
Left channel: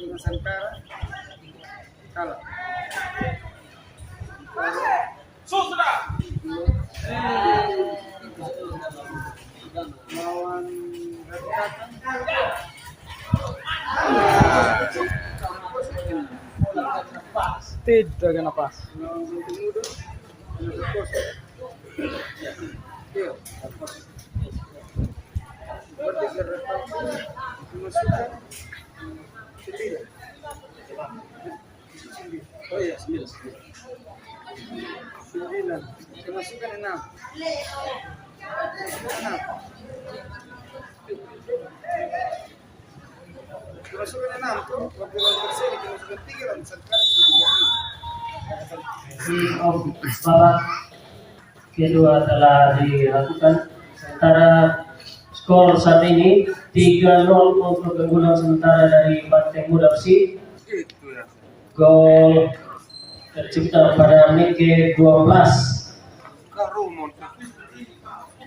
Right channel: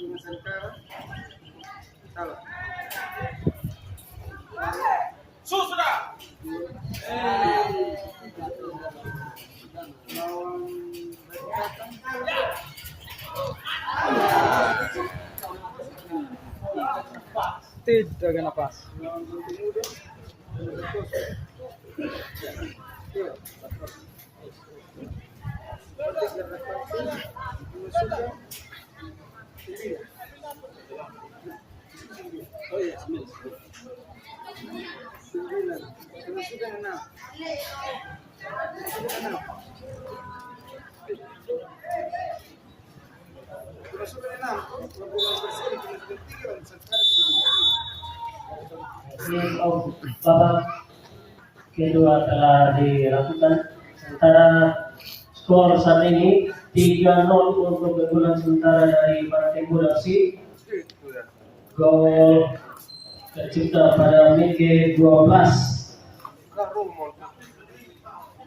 Dengan Santara kalah. Lawan United dengan apa? Iya, berarti masukkan 9. Oh iya, 9. 9. Masukkan 6. Masukkan 6 tuh, waktu bersih masukkan 3 dan sekarang sudah 30. Babak kedua telah dilakukan, sementara skor saat ini 3-0 untuk keunggulan sementara dari Banteng Muda FC. Itu ya. Gol tercipta pada menit ke-12, Karumon.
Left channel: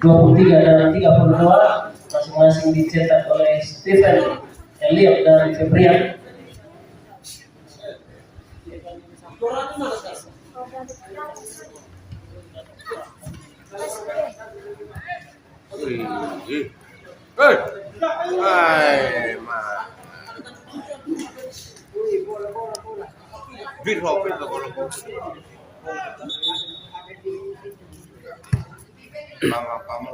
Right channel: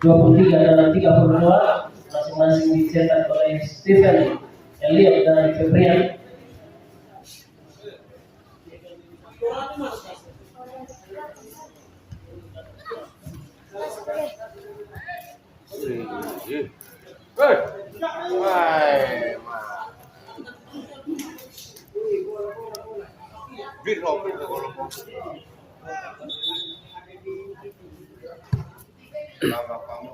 23 dan 32 masing-masing dicetak oleh Stephen, Elliot dan Febrian. Hai, mah. Bir hopin tuh kalau bos. Mama kamu.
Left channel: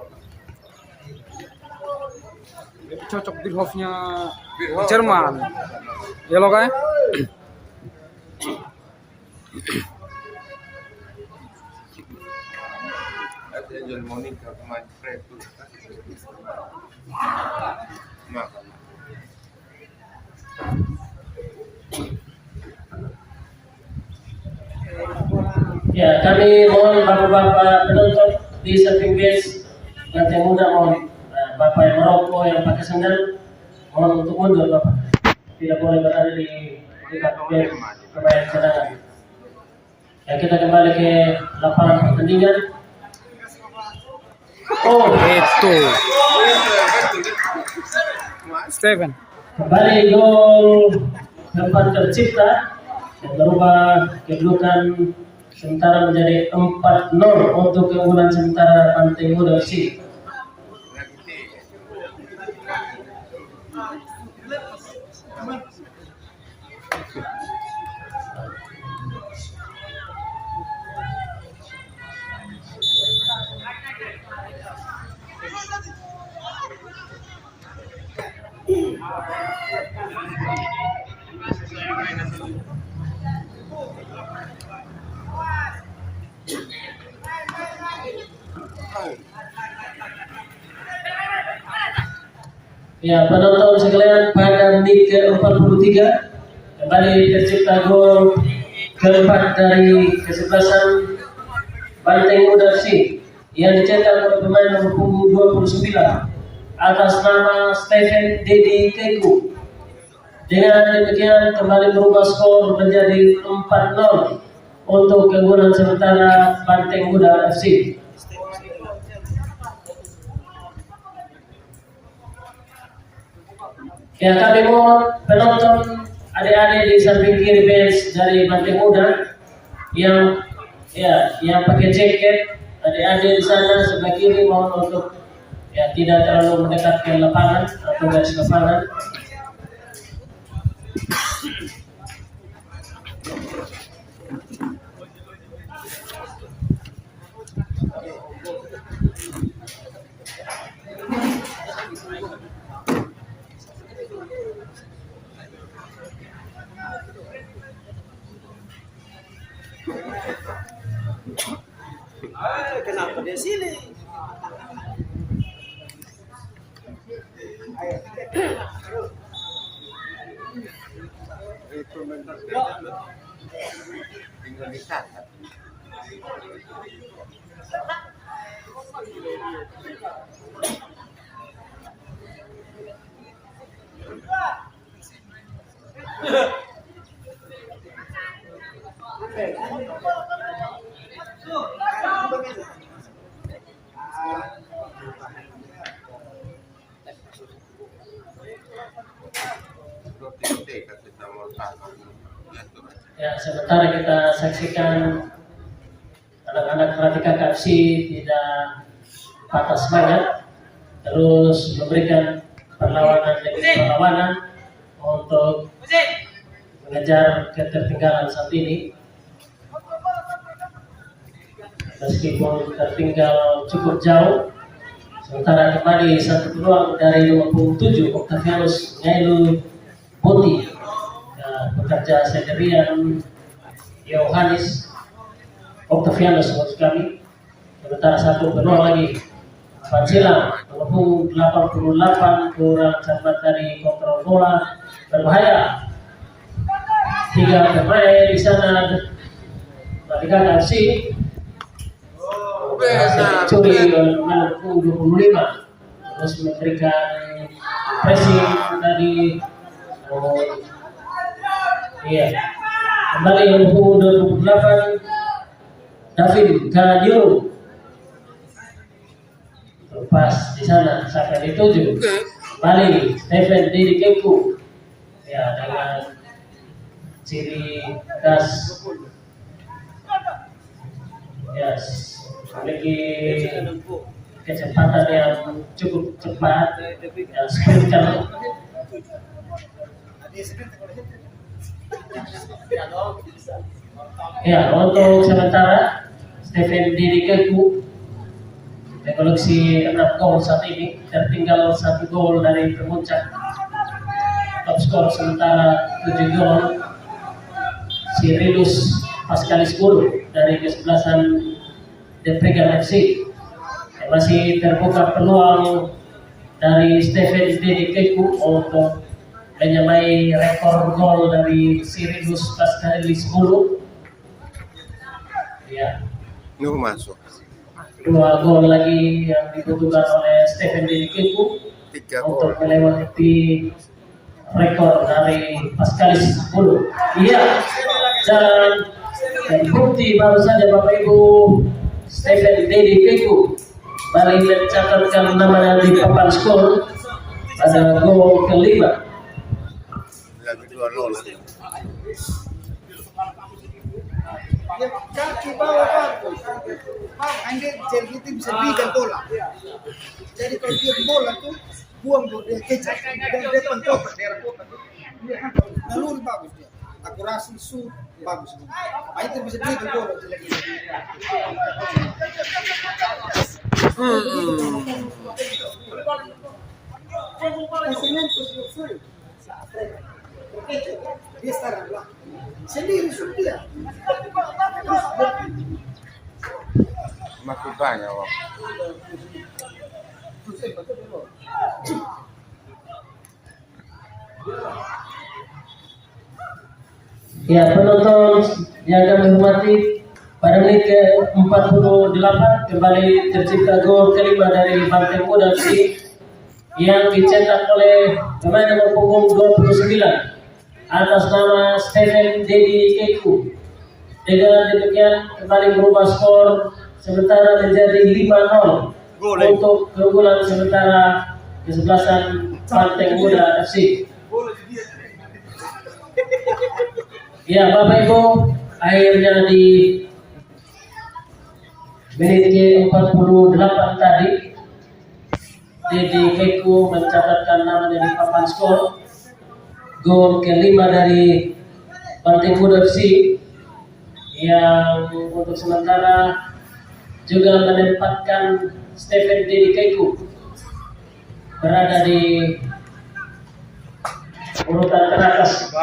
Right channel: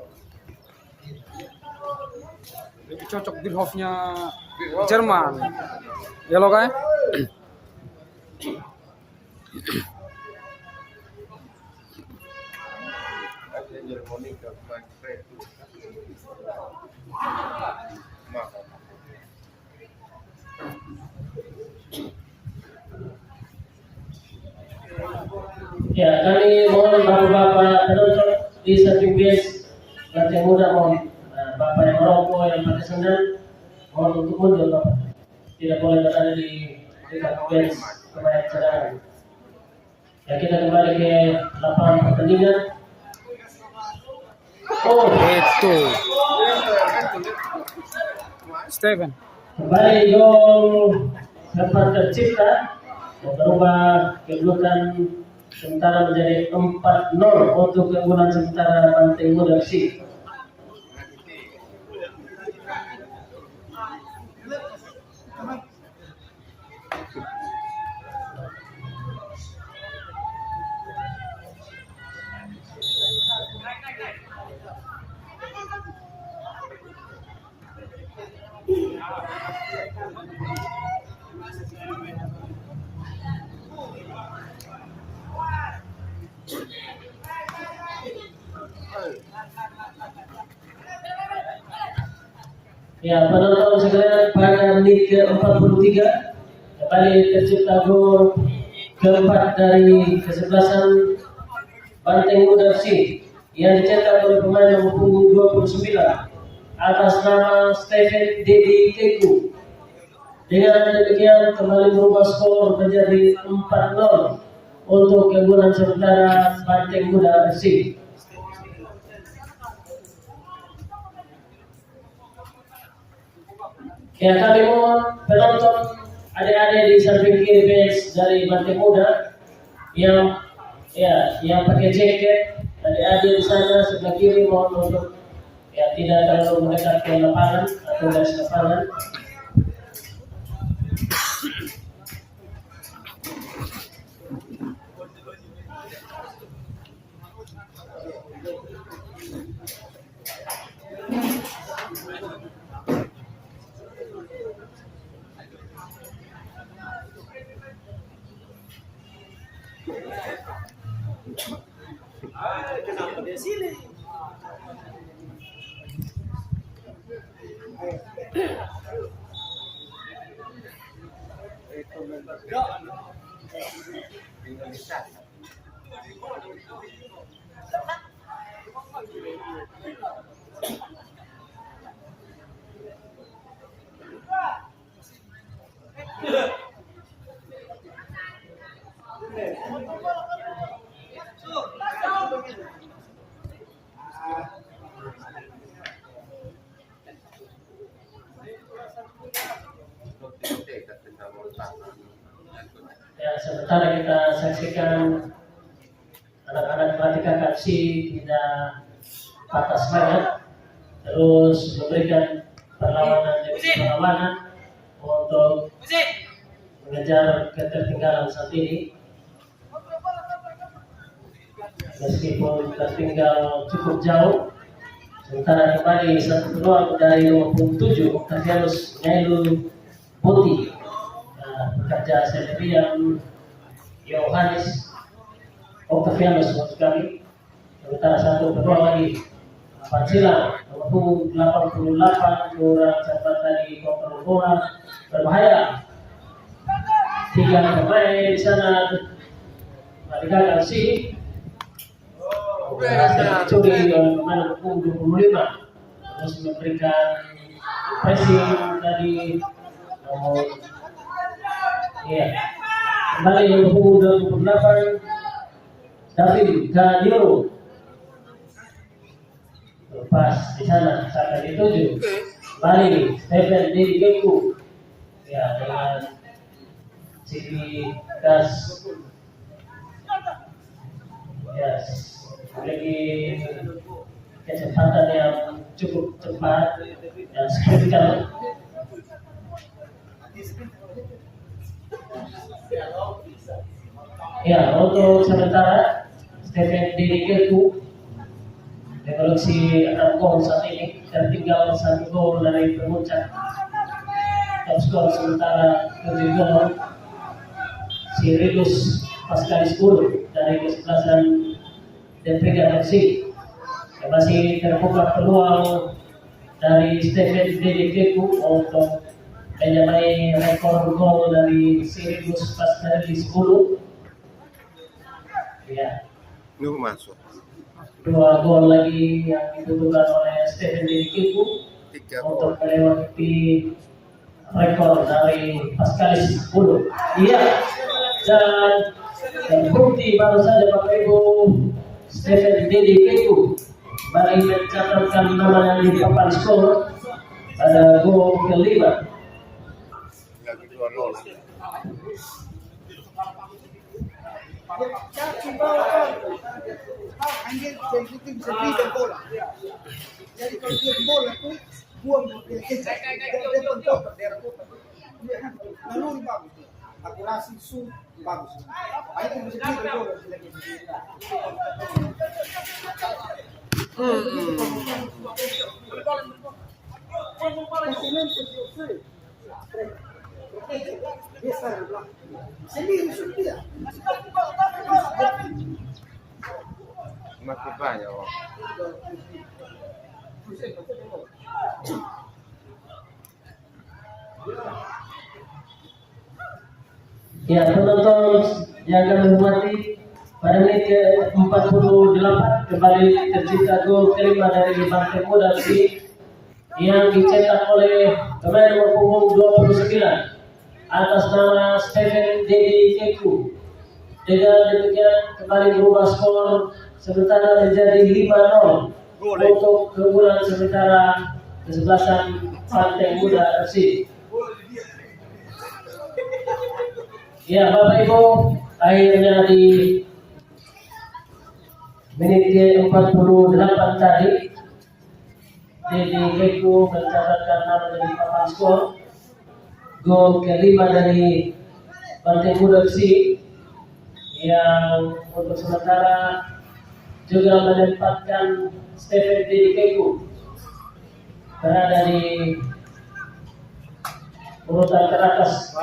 Cocok di Hofnya Bir Jerman. Ya lo kan? Angel Monica kemarin trade tuh. Makan. Ya, kami mohon bapak-bapak penonton di samping bench Banteng Muda mohon bapak yang merokok, yang pakai sandal mohon untuk mundur bapak. Tidak boleh berada di dekat bench pemain cadangan. Ya, kita kembali ke lapangan pertandingan. Oh, Itu Steven. kembali gol keempat tercipta yang berubah kedudukan sementara menjadi 4-0 untuk keunggulan sementara Banteng Muda FC. Ya, penonton sekalian, pada menit ke-43 kembali tercipta gol keempat dari kesebelasan Banteng Muda FC yang dicetak oleh pemain nomor punggung 29 atas nama Stephen Dedi Keku. Dengan demikian kembali berubah skor menjadi 4-0 untuk keunggulan sementara Banteng Muda FC. Ya, kami mohon penonton adik-adik di samping kiri bench dari Banteng Muda yang pakai jaket, adik-adik di sana sebelah kiri mohon untuk tidak terlalu mendekat ke lapangan atau garis lapangan. Kenapa dia sini? Itu mental tinggal dicatat. Ya, sementara kita saksikan anak-anak Pratika KFC tidak patah semangat, terus memberikan perlawanan demi perlawanan untuk mengejar ketertinggalan saat ini. meskipun tertinggal cukup jauh. Sementara kembali satu peluang dari nomor punggung 7 Octavianus Ngailu Boti, bekerja sendirian Yohanes Octavianus maksud kami. Sementara satu peluang lagi Pancila nomor punggung 88 kurang cepat dari kontrol bola berbahaya. 3 pemain di sana Merdeka FC curi oleh pemain punggung 25, terus memberikan pressing dari kembali yang punggung 28 David Kanyo, lepas di sana sampai dituju kembali Stephen Didi Keku dengan ciri khas memiliki kecepatan yang cukup cepat, sprinter. Untuk sementara Stephen Didi Keku koleksi 6 gol saat ini, tertinggal 1 gol dari Permuncak. Top skor sementara 7 gol Sirilus Pascalis Guru dari kesebelasan Depregan FC. Masih terbuka peluang dari Stephen Didi Keku untuk menyamai rekor gol dari Sirilus Pascalis Guru. Nuh masuk. 2 gol lagi yang dibutuhkan oleh Stephen Didi Keku untuk melewati rekor dari Pascalis Guru. Dan bukti baru saja Bapak Ibu, Stephen Didi Keku kembali mencatatkan namanya di papan skor pada gol kelima. Lagi 2-0. Kaki bawah bagus. Anda jadi itu bisa berikan bola. Jadi kalau dia bola tuh buang dia kecap dan depan kotak daerah kotak tuh. Naluri bagus dia. Akurasi shoot bagus. Itu bisa berikan bola jelek. Dia sekarang belakang sendiri sudah. Masih banyak, Bang. Penonton yang akan menghormati pada menit ke-48 kembali tercipta gol kelima dari Banteng Muda FC yang dicetak oleh pemain nomor punggung 29 atas nama Stephen Didi Keku. Dengan demikian kembali berubah skor sementara menjadi 5-0 untuk keunggulan sementara kesebelasan Banteng Muda FC. Bapak Ibu, akhirnya di menit ke-48 tadi Didi Keku mencatatkan namanya di papan skor. Gol kelima dari Banteng Muda FC yang untuk sementara juga menempatkan Stephen Didi Keku berada di urutan teratas.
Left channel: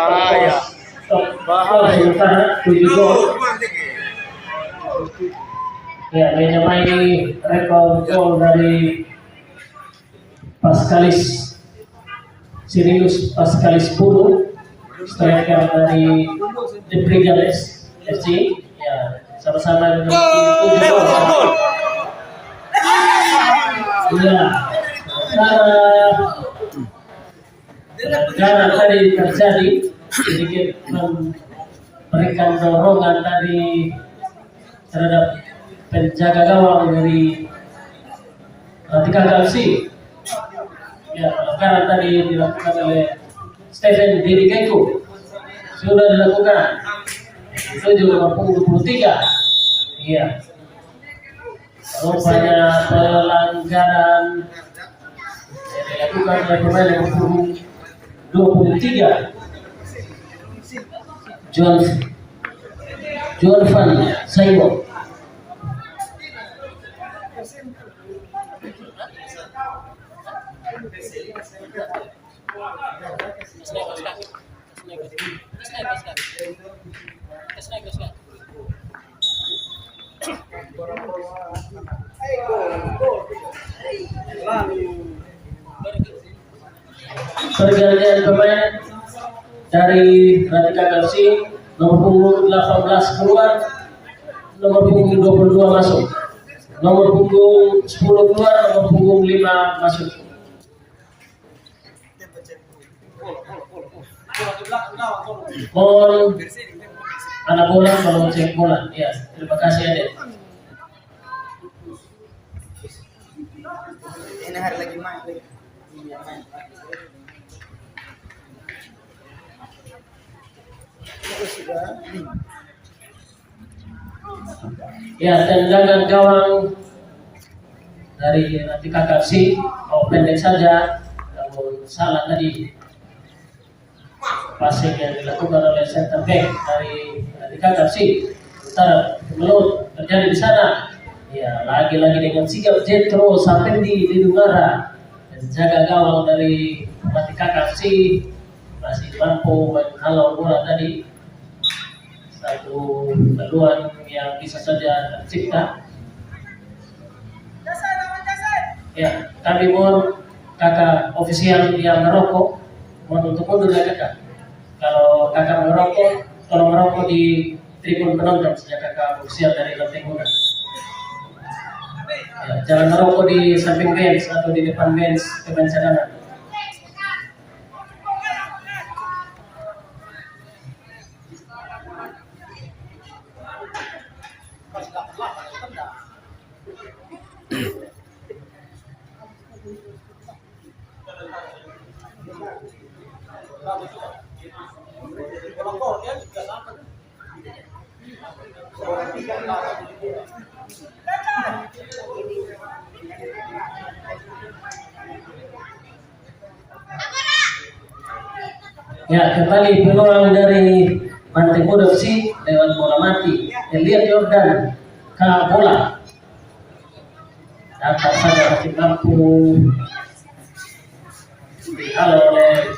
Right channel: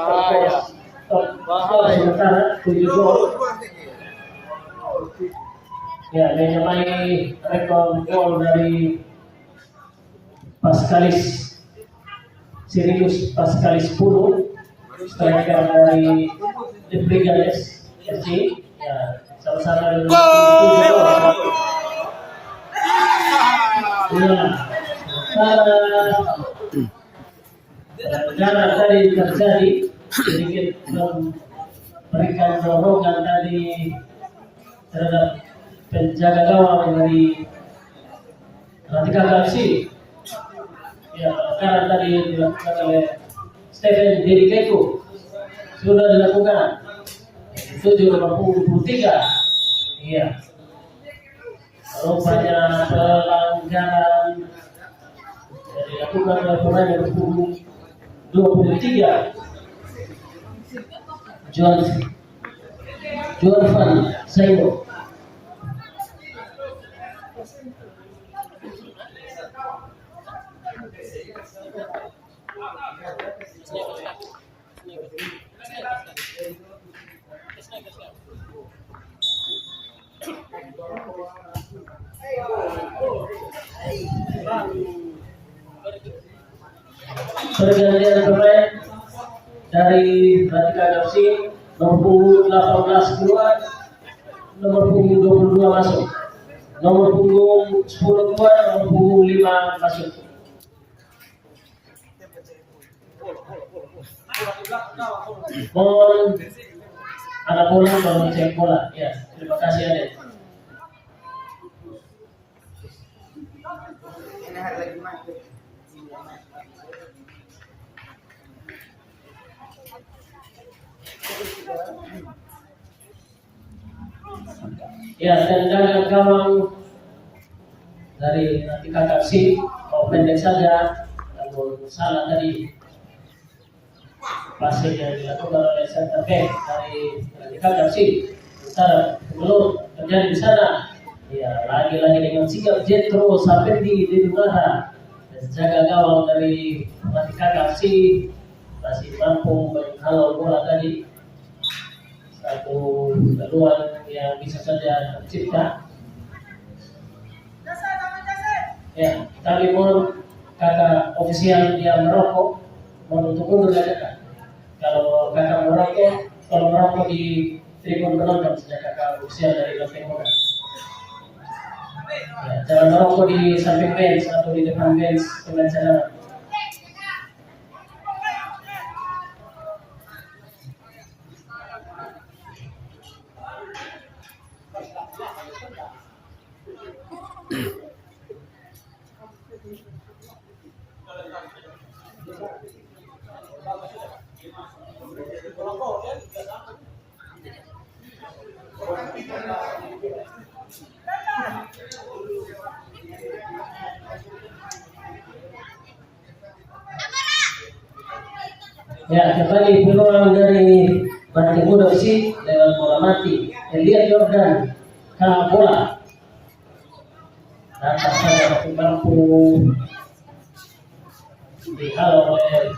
Sementara 7 gol. Menyamai rekor gol dari Pascalis Sirilus Pascalis Puru, striker dari Depregan FC. Sama-sama dengan 7 gol. Karena tadi terjadi sedikit memberikan dorongan tadi terhadap penjaga gawang dari Radikal FC. Karena tadi dilakukan oleh Stephen Didi Keku sudah dilakukan. Itu juga mampu 23. Rupanya pelanggaran yang dilakukan oleh pemain yang nomor 23 Juan Van Saimo. pergantian pemain dari Ratika FC. Nomor punggung 18 keluar, nomor punggung 22 masuk, nomor punggung 10 keluar, nomor punggung 5 masuk. Mohon anak bola mau cek bola. Ya, terima kasih Aden. Ini hari lagi main lagi. Iya, main. Itu sudah 5. Ya, tendangan gawang dari Ratika FC mau pendek saja, namun salah tadi. Passing yang dilakukan oleh center back dari Ratika FC. Sementara Melut terjadi di sana. Ya, lagi-lagi dengan sikap Jetro Sapendi di Dungara dan jaga gawang dari Ratika FC masih mampu menghalau bola tadi. Satu peluang yang bisa saja tercipta. Ya, kami mohon kakak ofisial yang merokok mohon untuk mundur ya kakak. Kalau kakak merokok, tolong merokok di tribun penonton sejak kakak ofisial dari lantai muda. Ya, jangan merokok di samping bench atau di depan bench pemain cadangan. Ya, kembali peluang dari Banteng Muda FC lewat bola mati. Elias Jordan ke bola. Dapat saja masih mampu dihalau oleh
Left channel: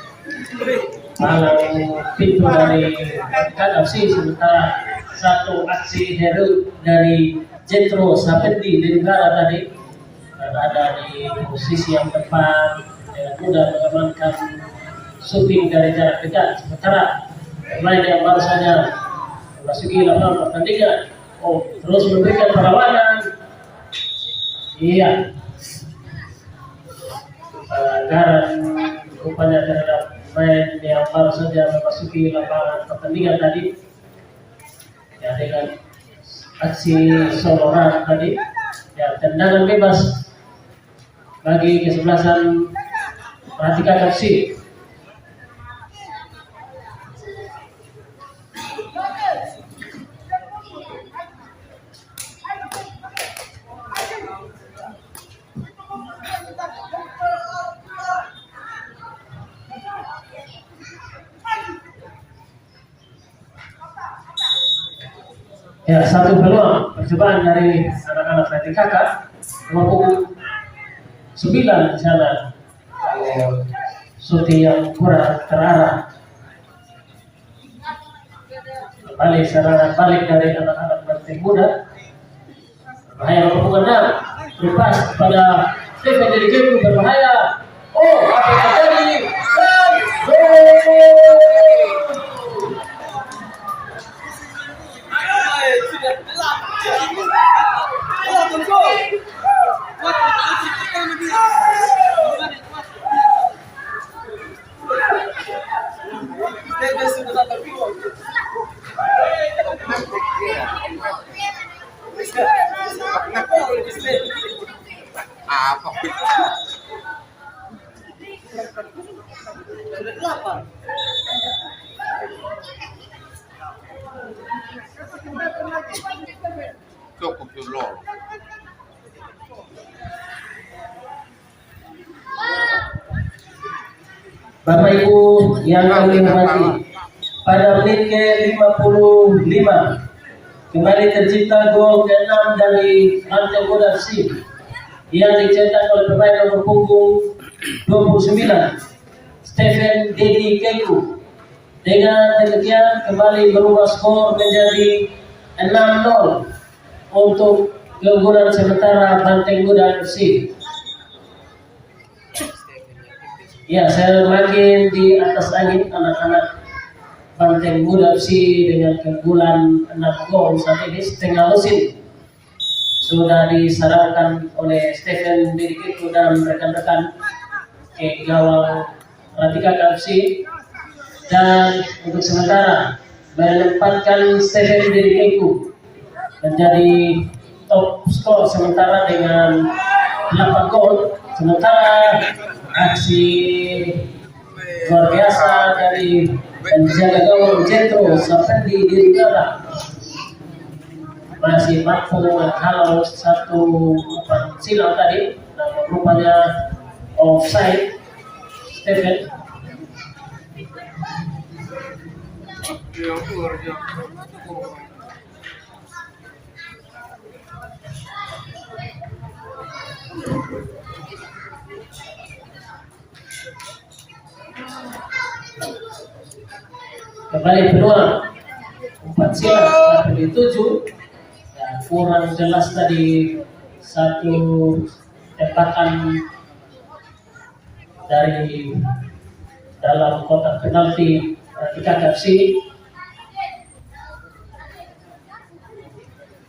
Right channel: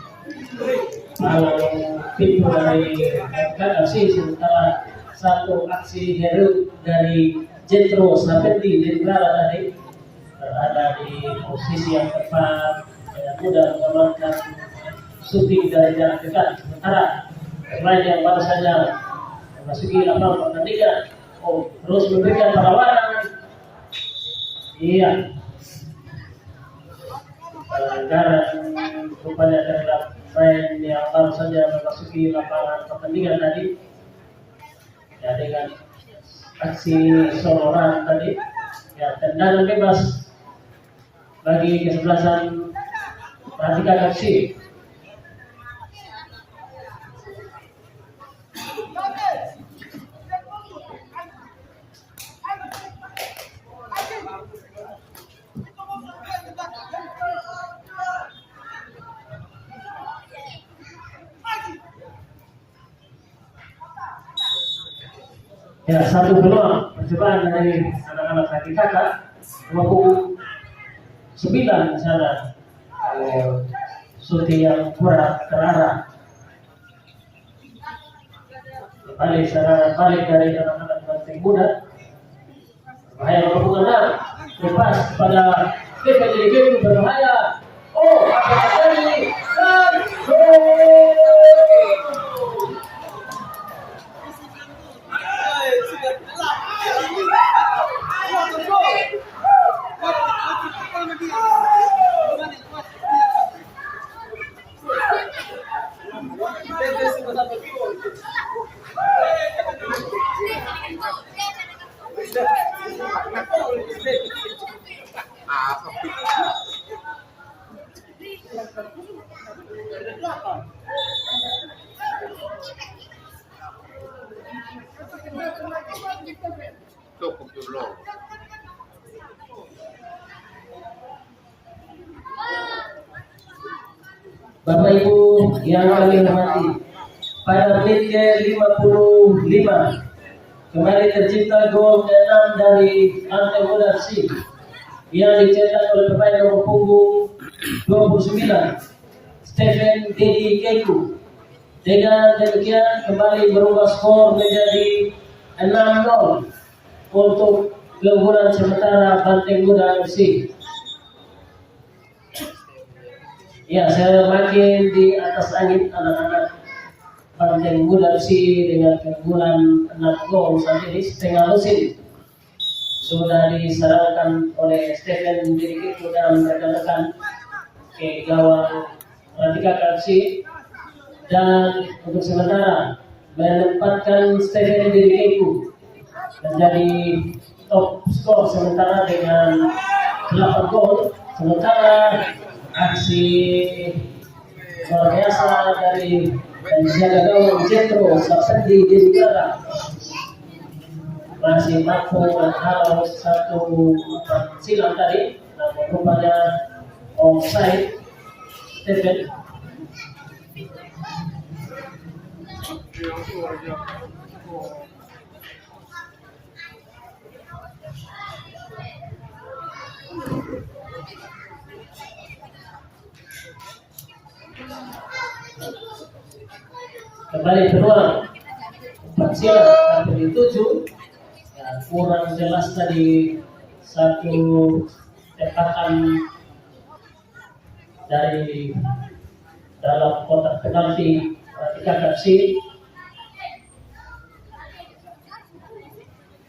malang pintu dari Banteng FC. Sementara satu aksi hero dari Jetro Sapendi di negara tadi berada di posisi yang tepat dengan mudah mengamankan shooting dari jarak dekat. Sementara pemain yang baru saja memasuki lapangan pertandingan terus memberikan perlawanan. Iya, pelanggaran rupanya terhadap pemain yang baru saja memasuki lapangan pertandingan tadi. Ya, dengan aksi soloran tadi, ya, tendangan bebas bagi kesebelasan Ratika FC. Ya, satu peluang percobaan dari anak-anak Ratika nomor punggung 9 di sana. Shooting yang kurang terarah. Kembali serangan balik dari anak-anak Banteng Muda. Berbahaya nomor punggung 6. Lepas kepada Stephen Deligeku berbahaya. Oh, apa yang terjadi? Dan gol! Apa? Cukup dulu. Bapak Ibu yang kami hormati, pada menit ke-55 kembali tercipta gol ke-6 dari Banteng Muda FC yang dicetak oleh pemain nomor punggung 29 Stephen Dedi Keku. Dengan demikian kembali berubah skor menjadi 6-0 untuk keunggulan sementara Banteng Muda FC. Ya, semakin di atas angin anak-anak Banteng Muda FC dengan keunggulan 6 gol saat ini setengah musim sudah disarankan oleh Stephen Dirikiku dan rekan-rekan ke gawang Ratika FC, dan untuk sementara menempatkan Stephen Dirikiku menjadi top skor sementara dengan 8 gol. Sementara aksi luar biasa dari penjaga gawang Jetro Sapendi Dirigara masih mampu menghalau satu silang tadi, rupanya offside Stephen. Kembali peluang 4 silang sampai di 7. Ya, kurang jelas tadi satu tembakan dari dalam kotak penalti Ratika FC.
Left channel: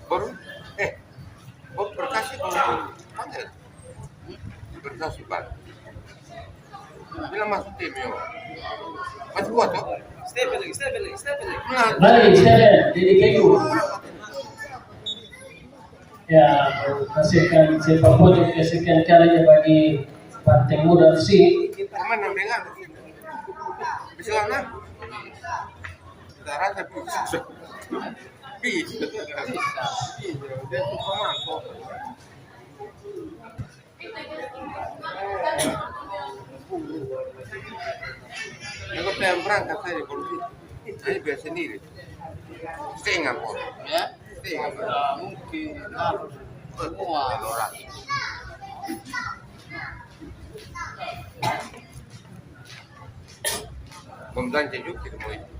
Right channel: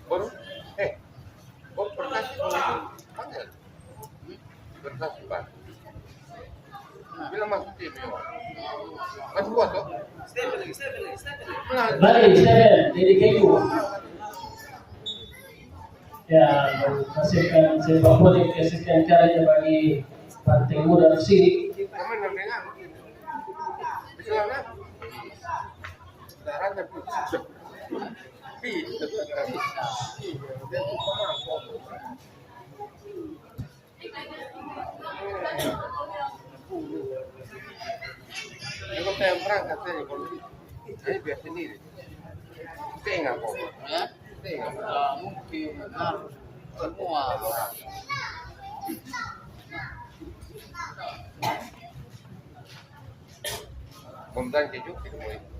Bor berkasih kalau panggil. Berkasih Pak. Bila masuk tim yo. Masuk buat toh? Stephen lagi. Kembali Stephen dari Keku. Ya, menghasilkan sepak bola kesekian kalinya bagi Banteng Muda FC. Kaman yang dengar. Bisa lah. Sudah rasa bisa. Bisa. Dia tuh kaman kok. Kalau saya berangkat saya kalau ini biasa sendiri. Setengah kok. Ya? Setengah. Mungkin harus. Wah. Pembelanja juga kita mau itu.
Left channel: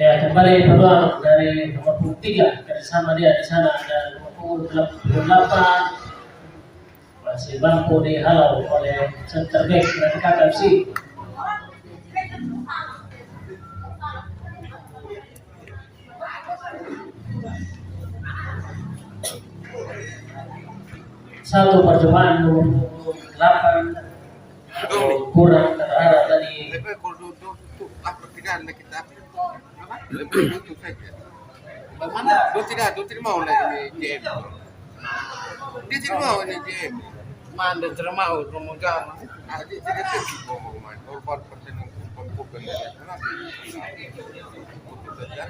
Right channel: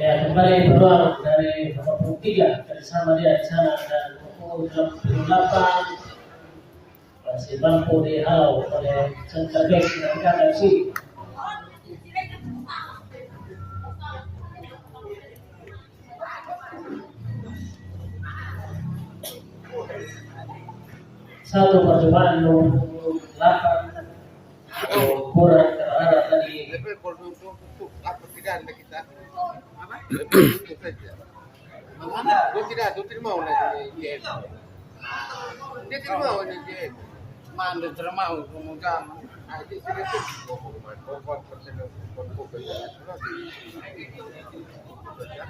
Ya, kembali peluang dari nomor 3 bersama dia di sana ada nomor 88 masih mampu dihalau oleh center back Ratika FC. Satu percobaan nomor 8 kurang terarah tadi. Tapi kalau duduk itu apa tidak ada kita lebih itu saja. Dia tidak mau ini GM. Dia tidak mau ini GM. Manda termau kemudian Dia tidak pergi ngomong main. Korban pertandingan pokok nasional. Itu saja.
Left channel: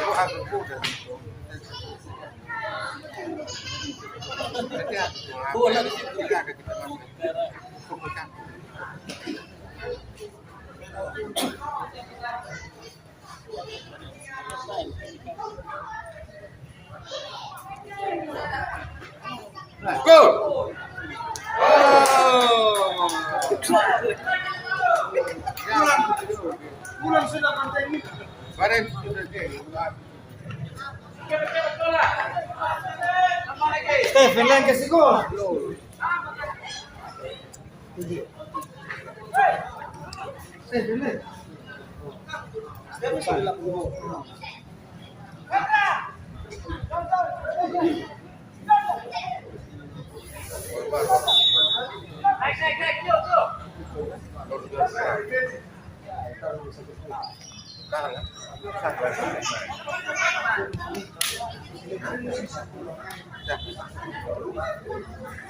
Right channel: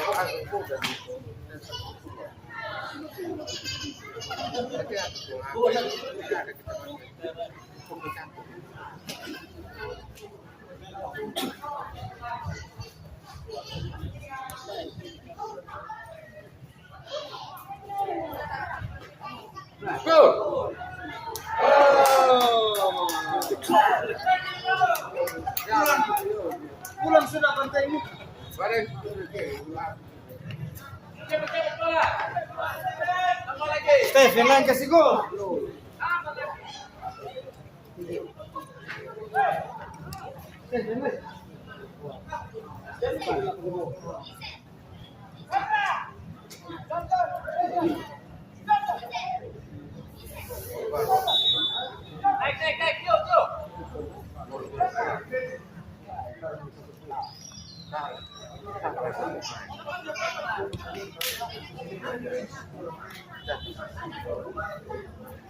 Kalau aku sudah itu. Nanti aku ada kita masuk. Gol. pulang sudah pantai ini. Badan sudah ke. Stephen lang kasih gol. Stephen lang. Stephen sudah lakukan gol.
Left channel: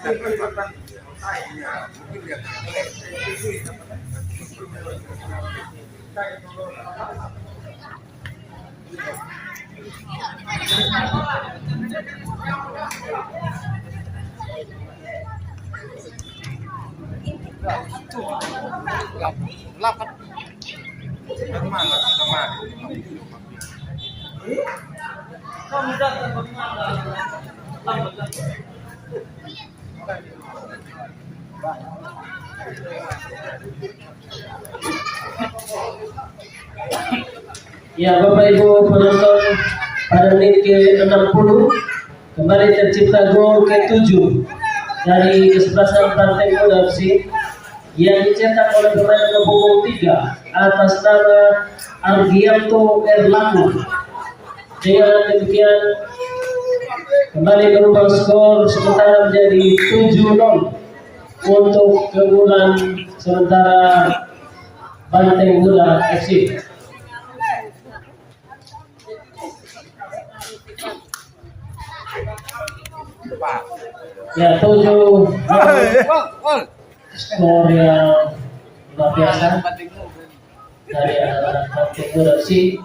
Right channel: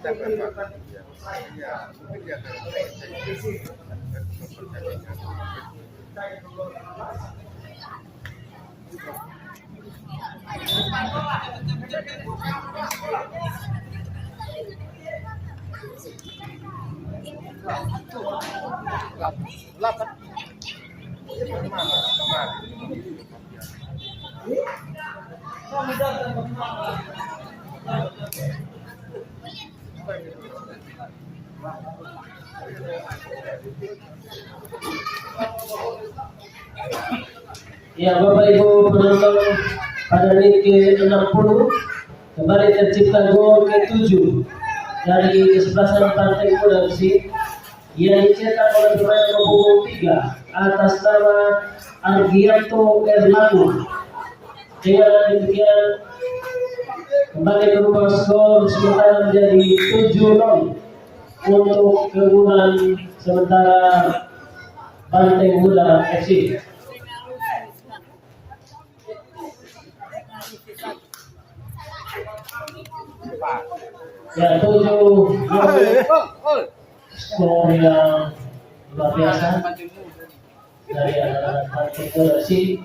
Dapat Pak. Iya, mungkin dia akan delapan. Dari mana? Kemarin. Ya, Bapak Ibu penonton, pada menit ke-60 kembali tercipta gol ke-7 dari kesebelasan Partai Muda FC yang dicetak oleh pemain nomor 3 atas nama Argianto Erlangu. Dengan demikian kembali berubah skor sementara menjadi 7-0 untuk keunggulan sementara Partai Muda FC. Ya, 7 skor yang luar biasa dari anak Partai Muda FC.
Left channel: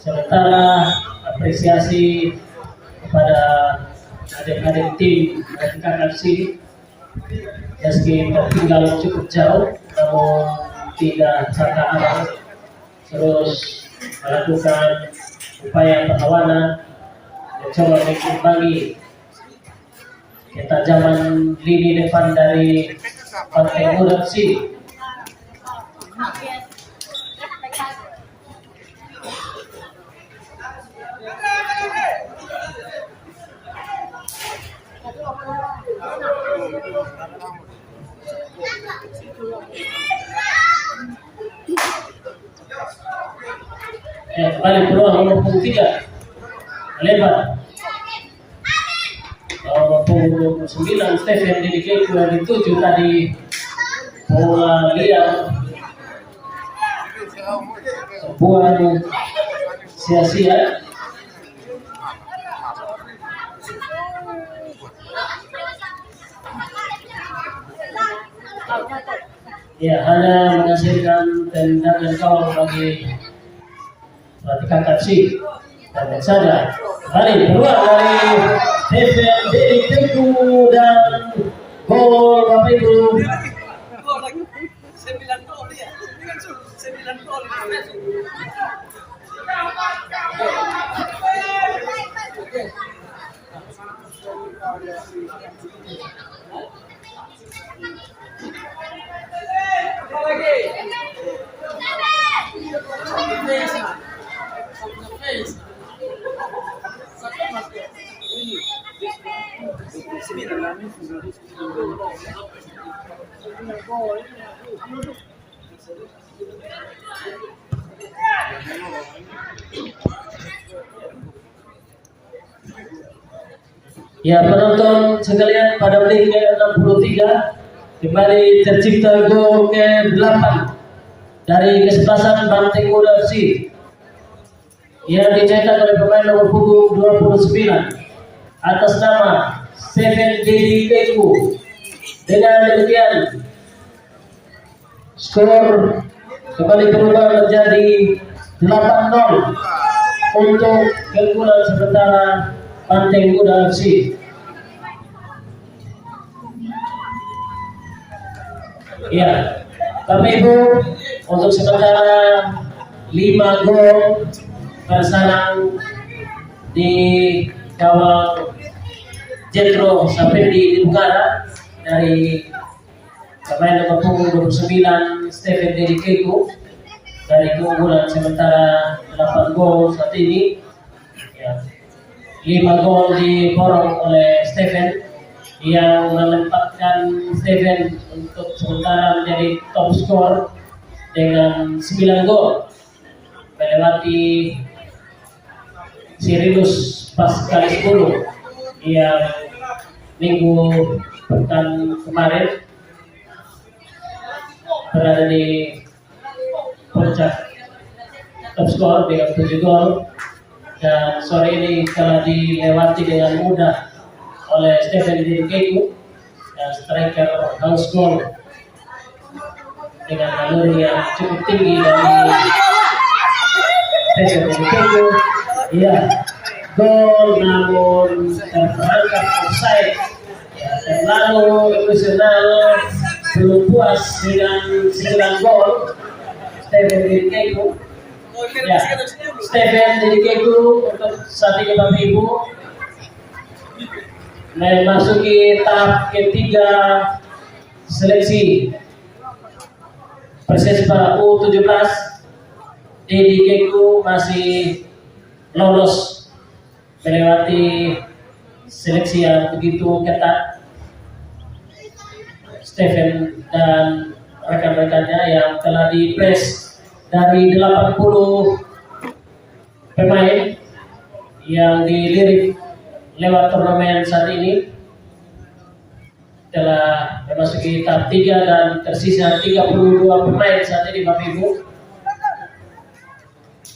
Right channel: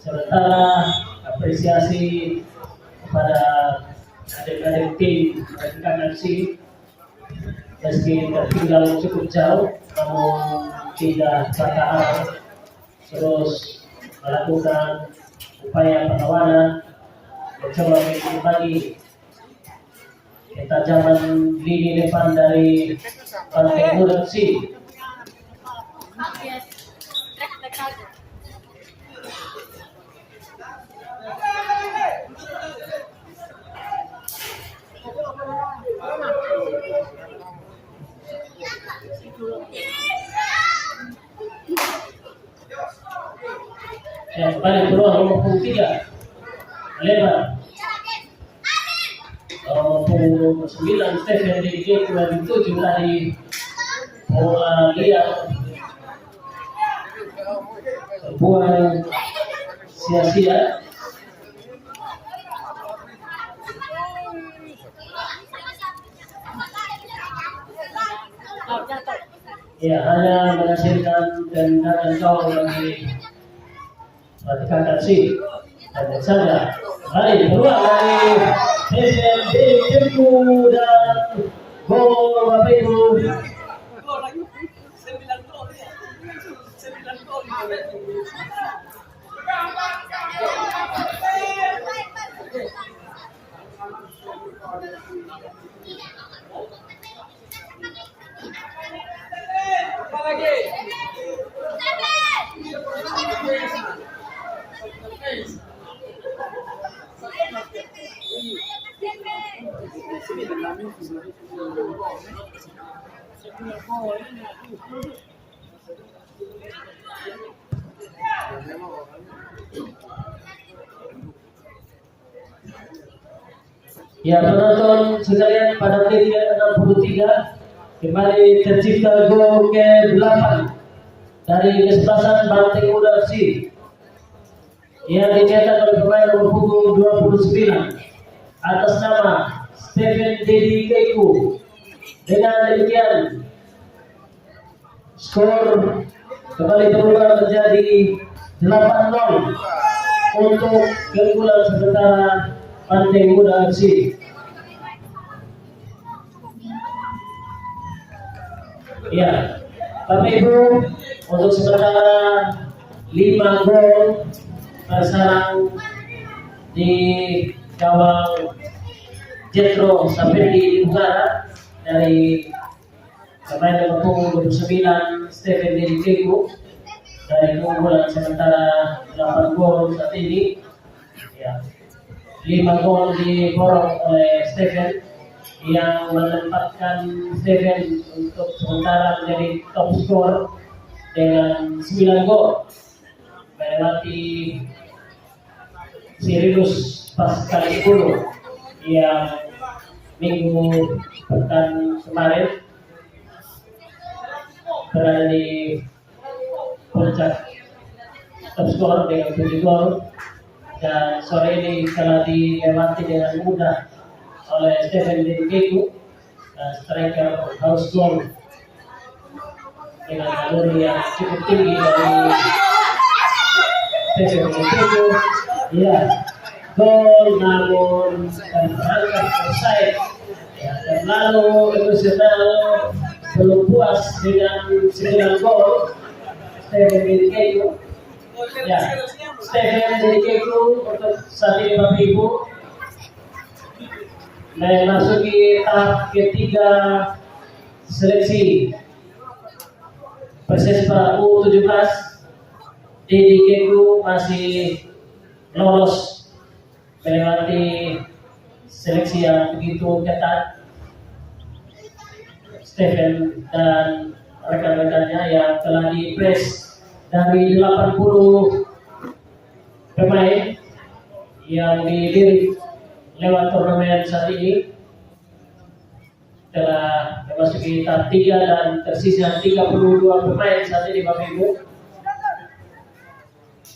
Sementara apresiasi kepada adik-adik tim Partai FC meski tertinggal cukup jauh namun tidak patah arah, terus melakukan upaya perlawanan mencoba mengimbangi ketajaman lini depan dari Partai Muda FC. Ya, kembali peluang nomor 3 lebar. Nomor 9 Stephen Dedikeku yang dituju tadi bola liar, sebuah sia-sia. Ya, hanya menghasilkan tendangan gol bagi Partai FC. Dan saja kembali keluar dari Stephen Dedikeku dan gol Bapak Ibu. Ya, penonton sekalian, pada menit ke-63 kembali tercipta gol ke-8 dari kesebelasan Partai Muda FC yang dicetak oleh pemain nomor punggung 29 atas nama Stephen Dedikeku. Dengan demikian skor kembali berubah menjadi 8-0 untuk keunggulan sementara Partai Muda FC. Ya, Bapak Ibu, untuk sementara 5 gol bersarang di gawang Jetro Sapendi di Bukara dari pemain nomor punggung 29 Stephen Dedikeku dari keunggulan sementara 8 gol saat ini. Ya, 5 gol diborong oleh Stephen yang menempatkan Stephen untuk sementara menjadi top skor dengan 9 gol, melewati Sirilus Pascalis 10 yang minggu pekan kemarin berada di puncak top skor dengan 7 gol. dan sore ini telah dilewati dengan mudah oleh Stephen Dedikeku dan striker house goal dengan naluri yang cukup tinggi dari Stephen Dedikeku. Iya, gol namun terperangkap offside. Ya, terlalu emosional, belum puas dengan 9 gol Stephen Dedikeku. Ya, Stephen Dedikeku untuk saat ini Bapak Ibu memasuki tahap ketiga seleksi Persespa U17. Dedikeku masih lolos melewati seleksi yang begitu ketat. Stephen dan rekan-rekannya yang telah di-press dari 80 pemain yang dilirik lewat turnamen saat ini telah memasuki tahap 3 dan tersisa 32 pemain saat ini Bapak Ibu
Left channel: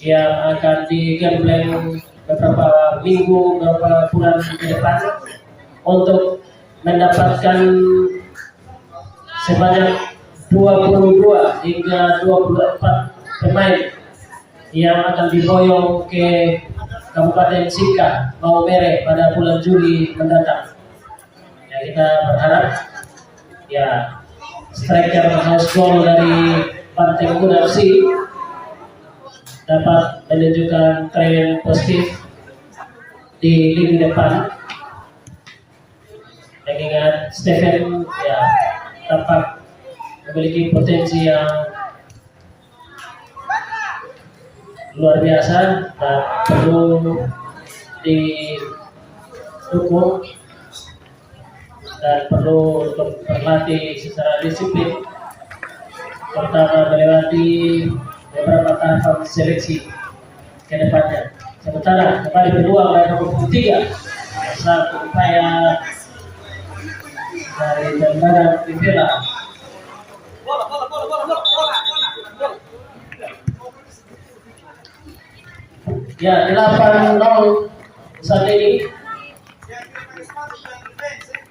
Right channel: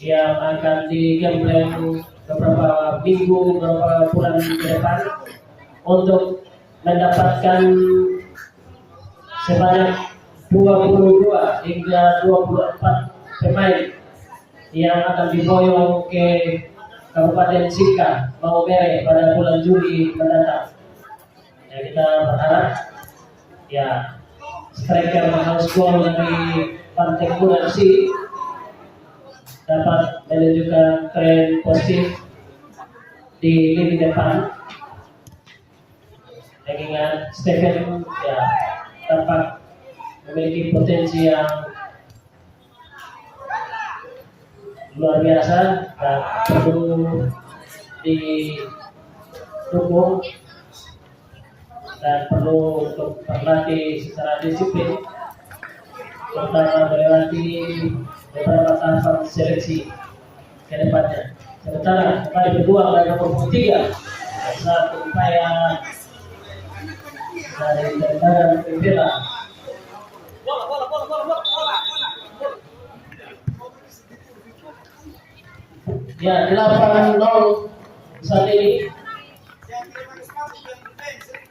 yang akan digembleng beberapa minggu, beberapa bulan ke depan untuk mendapatkan sebanyak 22 hingga 24 pemain yang akan diboyong ke Kabupaten Sika, Maumere pada bulan Juli mendatang. Ya, kita berharap ya striker house goal dari Banteng Muda FC dapat menunjukkan tren positif di lini depan. Mengingat Stephen ya tampak memiliki potensi yang luar biasa dan perlu didukung dan perlu untuk berlatih secara disiplin, terutama melewati beberapa tahapan seleksi ke depannya. Sementara kembali peluang dari nomor 3 saat upaya dari tendangan Rivera. Ya, 8-0 saat ini.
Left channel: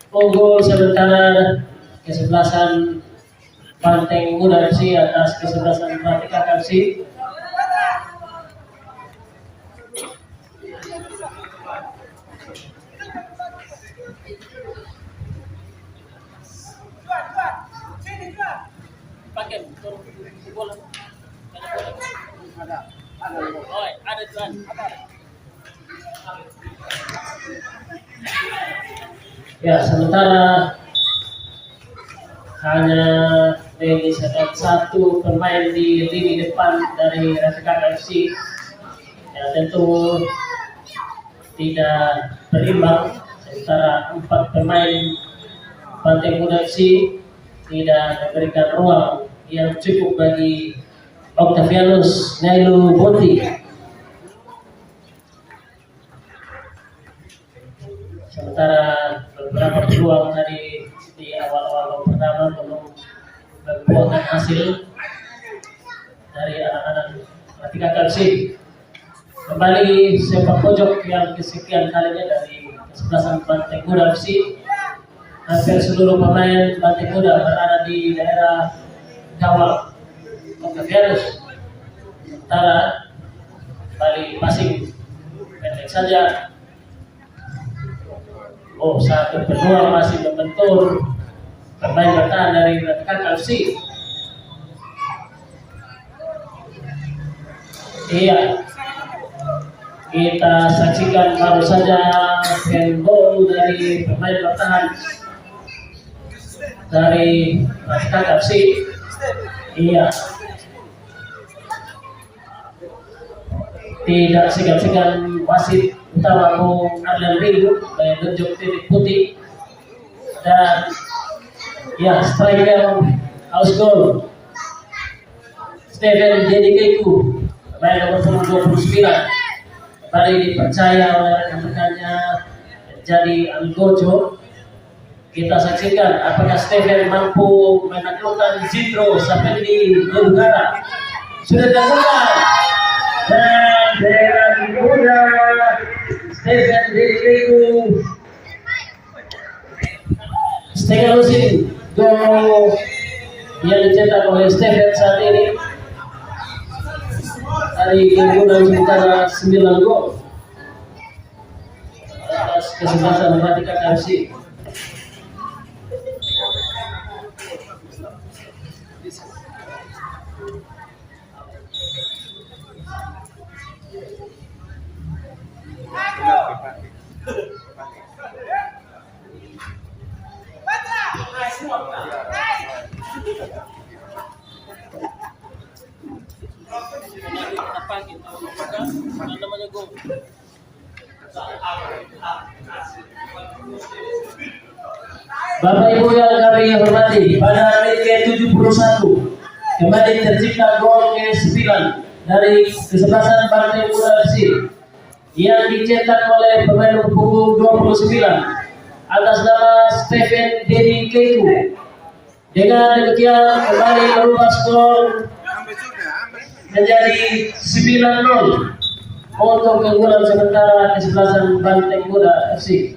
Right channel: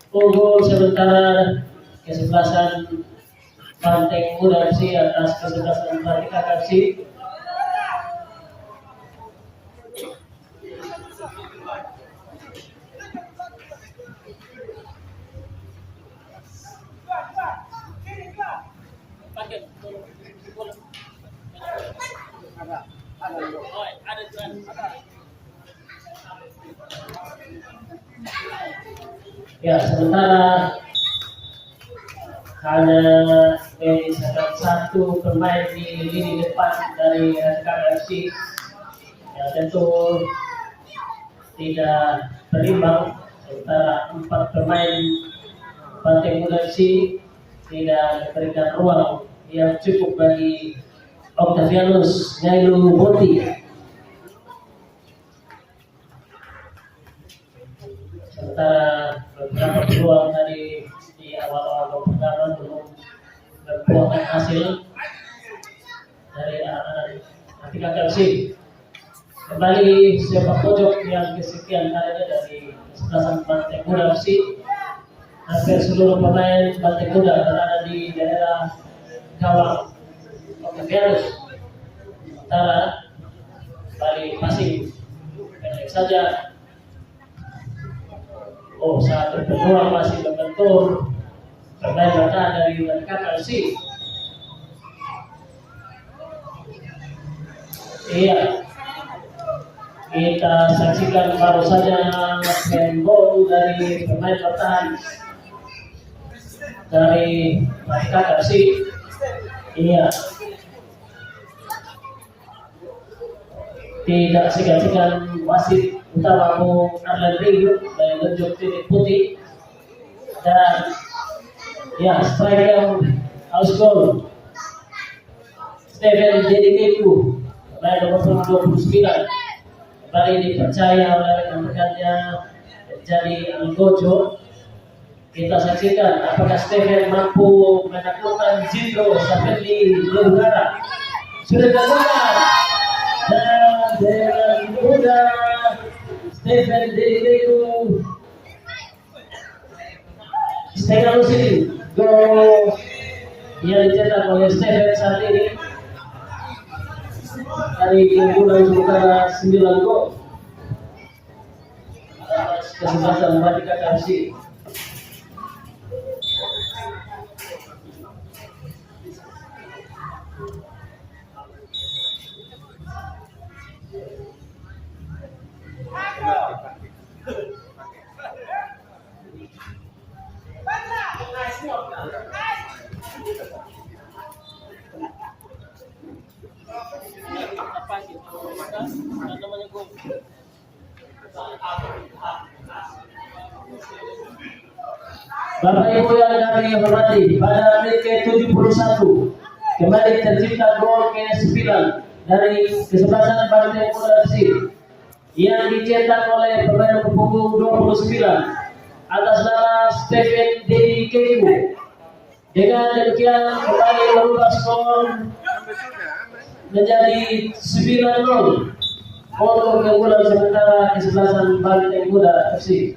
Unggul sementara kesebelasan Banteng Muda FC atas kesebelasan Pratika FC. Ya, sementara hanya menyisakan 1 pemain di lini depan dari Rasikaka FC. Ya, tentu tidak berimbang, sementara 4 pemain Banteng Muda FC tidak memberikan ruang yang cukup bagi Octavianus Nailu Bonti. Sementara beberapa peluang tadi di awal-awal pertama belum membuahkan hasil dari anak-anak Pratika FC. Kembali sepak pojok yang kesekian kalinya dari kesebelasan Banteng Muda FC. Hampir seluruh pemain Banteng Muda berada di daerah gawang Octavianus. Sementara Bali Pasing pendek saja. Oh, satu peluang masih membentur pemain bertahan dari Pratika FC. Iya, kita saksikan baru saja handball dari pemain bertahan dari Pratika FC. Iya, tidak segan-segan wasit utama Bung Arlen Rindu menunjuk titik putih dan ya striker house goal Stephen Dedikeku pemain nomor 29 kembali dipercaya oleh rekan-rekannya menjadi Algojo. Kita saksikan apakah Stephen mampu menaklukkan Zidro sampai di udara. Sudah terbuka dan Deran Muda setengah lusin gol yang dicetak oleh Stephen saat ini dari keunggulan sementara 9 gol atas kesempatan Matikat FC. Bapak Ibu yang kami hormati, pada menit ke-71 kembali tercipta gol ke-9 dari kesebelasan Banteng Muda FC yang dicetak oleh pemain nomor punggung 29 atas nama Stephen Dedi Keku. Dengan demikian kembali merubah skor menjadi 9-0 untuk keunggulan sementara kesebelasan Banteng Muda FC.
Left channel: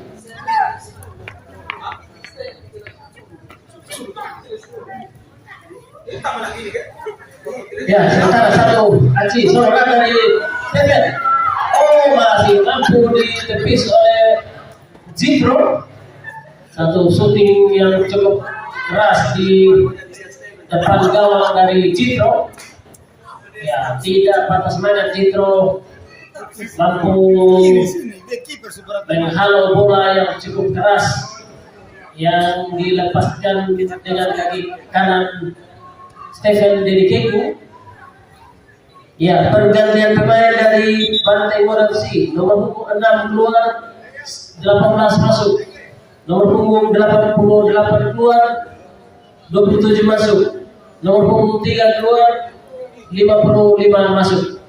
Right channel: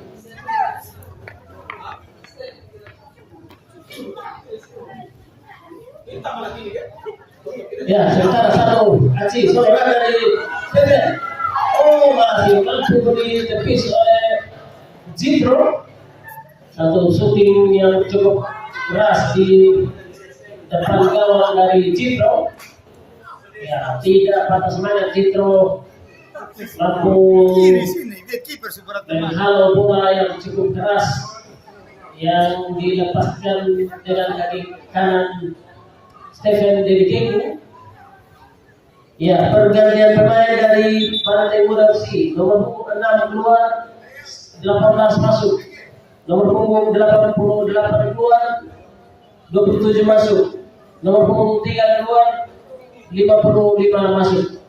Ya, sementara satu Aci seorang dari Stephen. Oh, masih mampu ditepis oleh Jitro. Satu shooting yang cukup keras di depan gawang dari Jitro. Ya, tidak patah semangat Jitro, mampu menghalau bola yang cukup keras yang dilepaskan dengan kaki kanan Stephen Dedi Keku. Ya, pergantian pemain dari Banteng Muda FC. Nomor punggung 6 keluar, 18 masuk. Nomor punggung 88 keluar, 27 masuk. Nomor punggung 3 keluar, 55 masuk.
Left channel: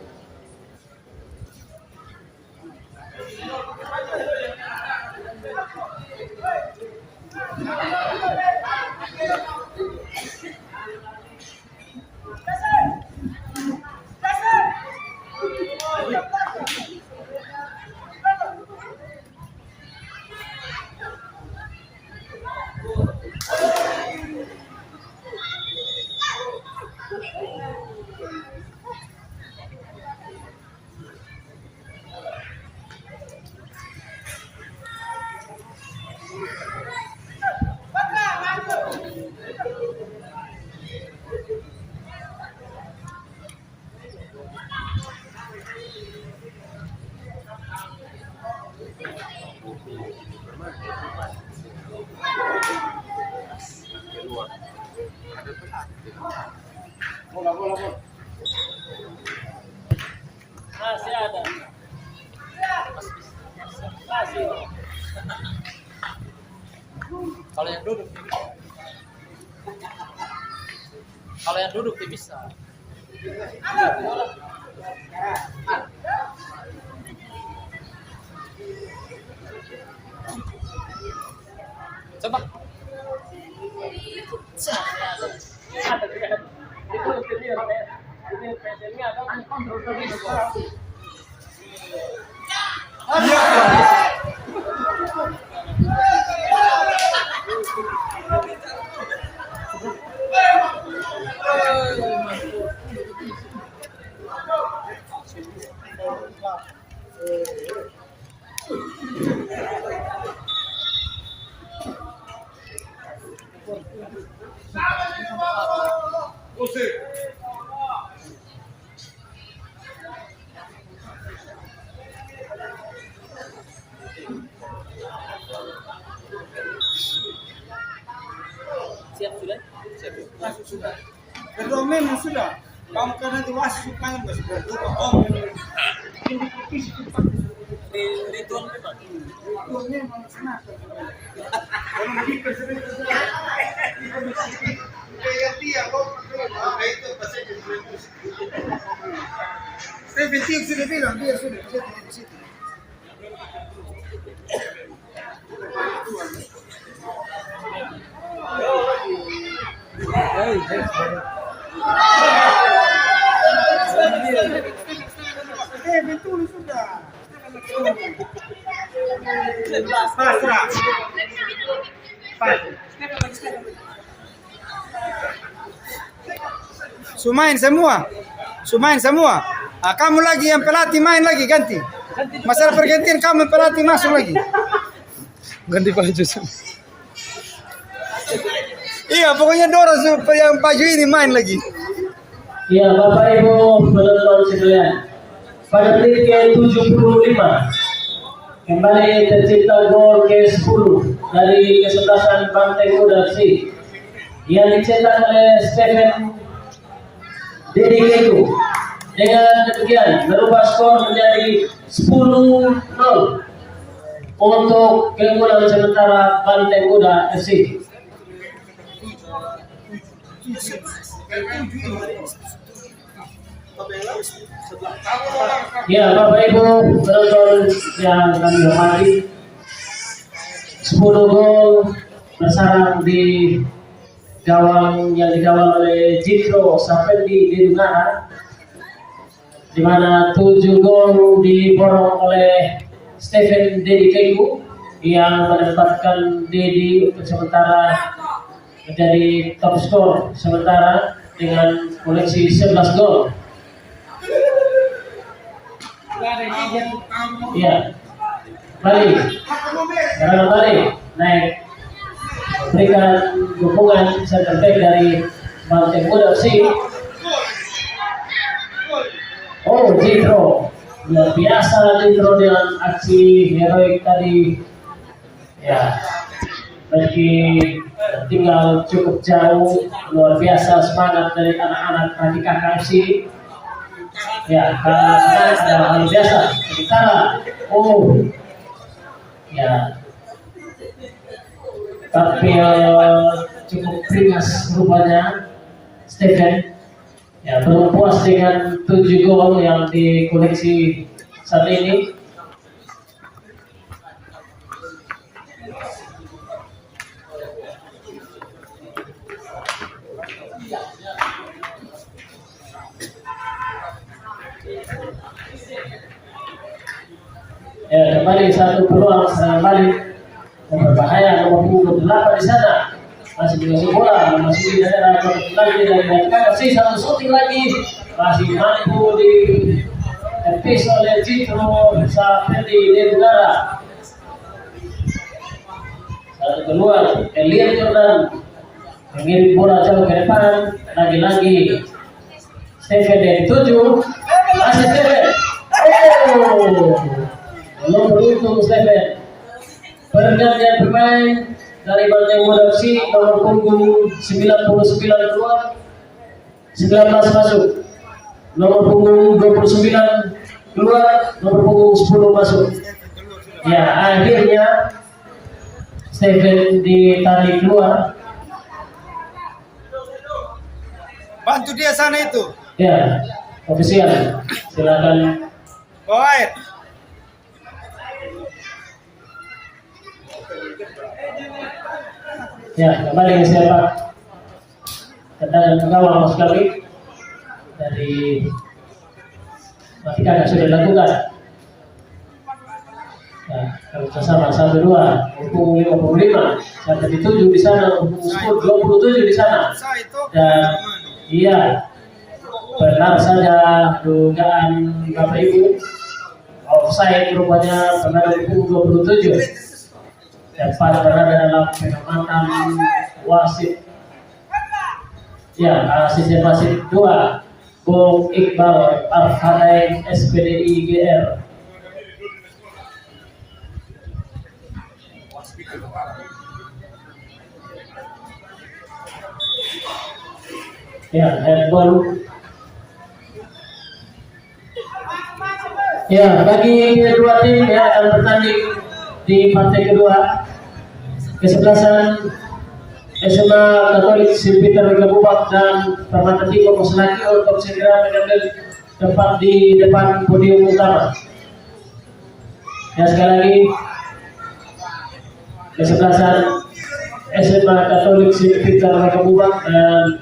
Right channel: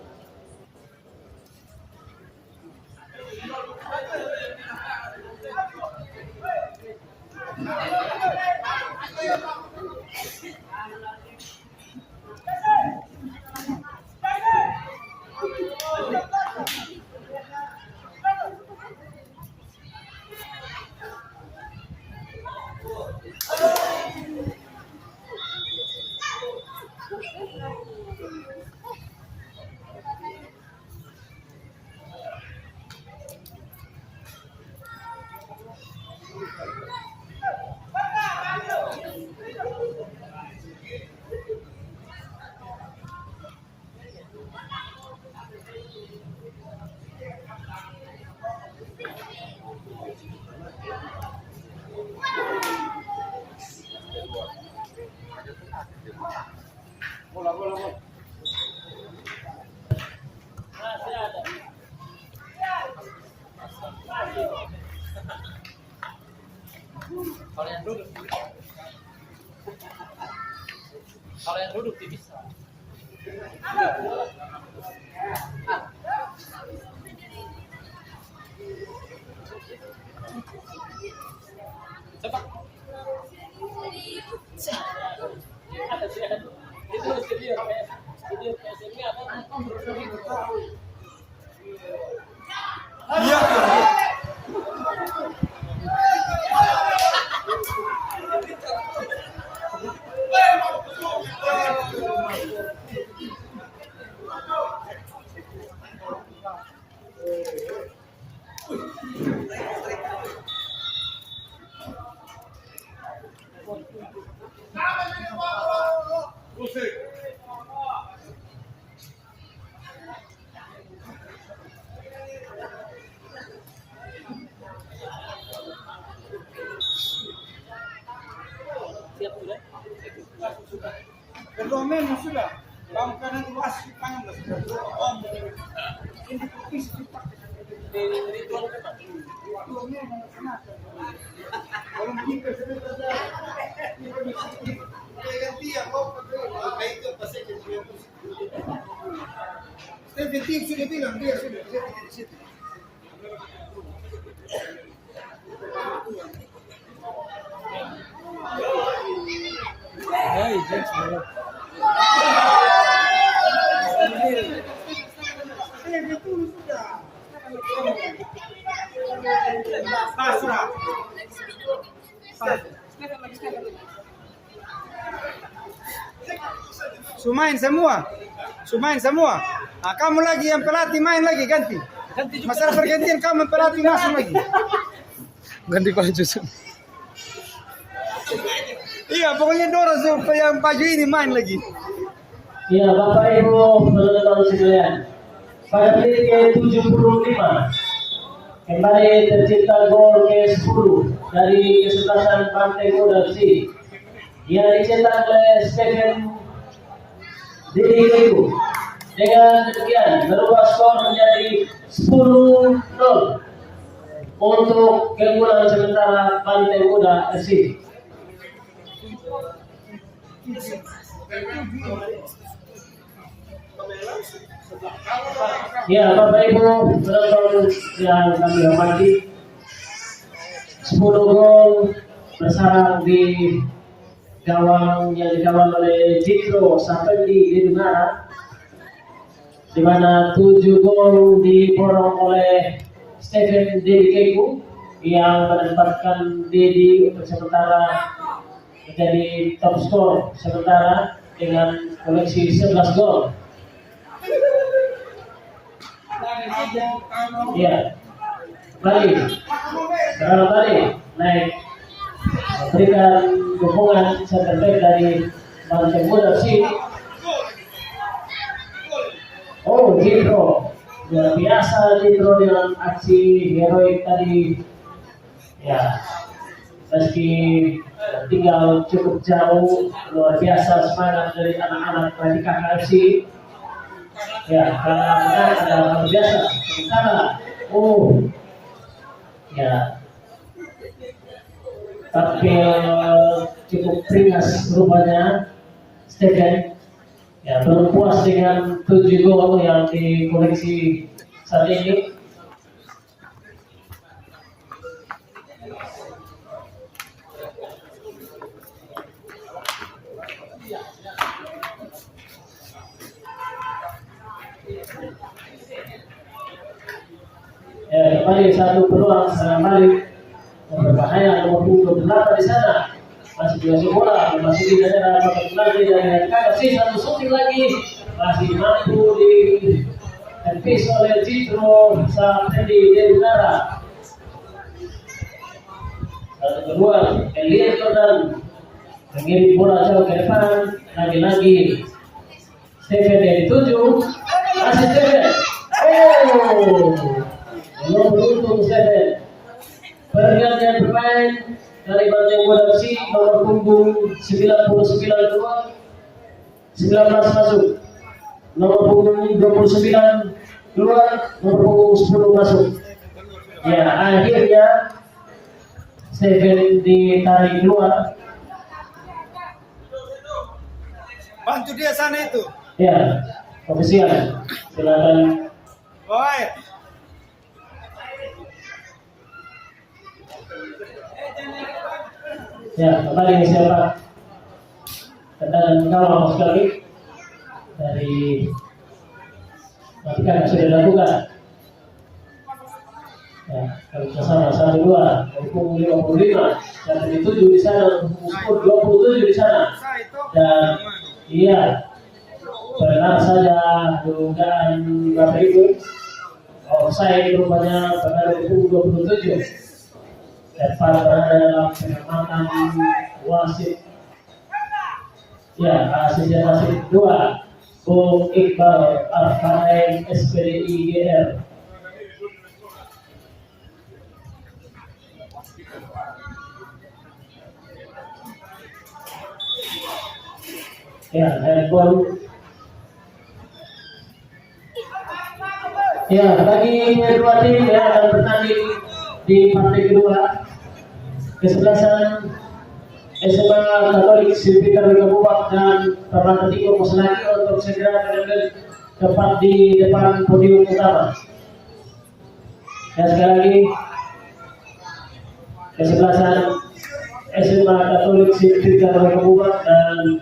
Masih ada. Masih. Kalau yang duduk bisa. Coba. Siap sudah? Sudah. Kedua memang sudah. Kamu karena itu wasit panggil nggak sudah. Om ini Ritual memang. ritual memang senang. Kalau begitu sebentar. Kayak dia kok itu pasti jadi musik. Stephen Tiuk sudah bilang dia sudah bisa di situ. Betul sudah. Pasrah. Sumain semua. Sumain semua. Ah, kamu lagi yang pelatih main lagi ganti. Masalah pergantian kamu pelatih masuk lagi. Ganti baju semua. Iya, pokoknya dorong supaya yang baju ini main lagi. Ya, Bapak Ibu teman-teman sekalian, pada menit ke-75 kembali tercipta gol ke-10 dari kesebelasan Banteng Muda FC yang dicetak oleh Stephen Dedi Keku. Dengan demikian merubah skor menjadi 10-0 untuk keunggulan sementara Banteng Muda FC. Ya, Bapak Ibu penonton yang kami hormati, 10 gol bersarang di gawang yang digawang oleh Jitro Sapendi Dedungara, di mana 7 gol diborong oleh Stephen Dedi Keku yang menempatkan Dedi untuk sementara menjadi top skor sementara dengan koleksi 11 gol. Ya, balik. Sekarang balik naik memberikan dukungan center back dari Banteng Muda FC. Oh, Jitro, luar biasa Jitro dengan aksi heroik tadi. Ya, meski tinggal cukup jauh, luar biasa semangat dari anak-anak Radika KFC. Ya, karena adalah luar biasa. Sementara, ya, tapi cukup ringas rupanya Stephen. Ya, belum puas dengan 7 gol yang dikoleksi saat ini. Ya, kembali satu peluang serangan balik berbahaya nomor punggung 8 di sana, masih juga bola masih di daerah lagi dari KFC. Satu shooting lagi masih mampu ditepis oleh Jitro Sapendi Dedungara. Satu keluar Elian Jordan mengirim bola jauh ke depan, lagi-lagi Stephen yang dituju, masih Stephen. Belum beruntung Stephen. Pergantian pemain dari Banteng Muda FC, nomor punggung 99 keluar, 19 masuk. Nomor punggung 29 keluar, nomor punggung 10 masuk. Ya, akhirnya Stephen ditarik keluar. Bantu dia sana itu. Ya, ofisial. Silakan. Baik. Ya, kembali siapa? Tendangan gawang maksud kami dari Matika sudah dilakukan. Ya, kalau sama 1-2, pukul 55, sampai dituju di sana, pukul 27 di sana. Dan iya, benar saja dugaan Bapak Ibu, offside rupanya benar di pukul 27. Dapat berada dalam pengamatan wasit. Ya, asisten wasit 2, Bung Iqbal Arfarain SPDI GR. Ya, handball. Ya, bagi kedua tim yang akan bertanding di partai kedua, kesebelasan SMA Katolik St. Peter Gabubak dan Permata Timur Koselaki untuk segera mengambil tempat di depan podium utama. Dan sekali lagi, kesebelasan SMA Katolik St. Peter Gabubak dan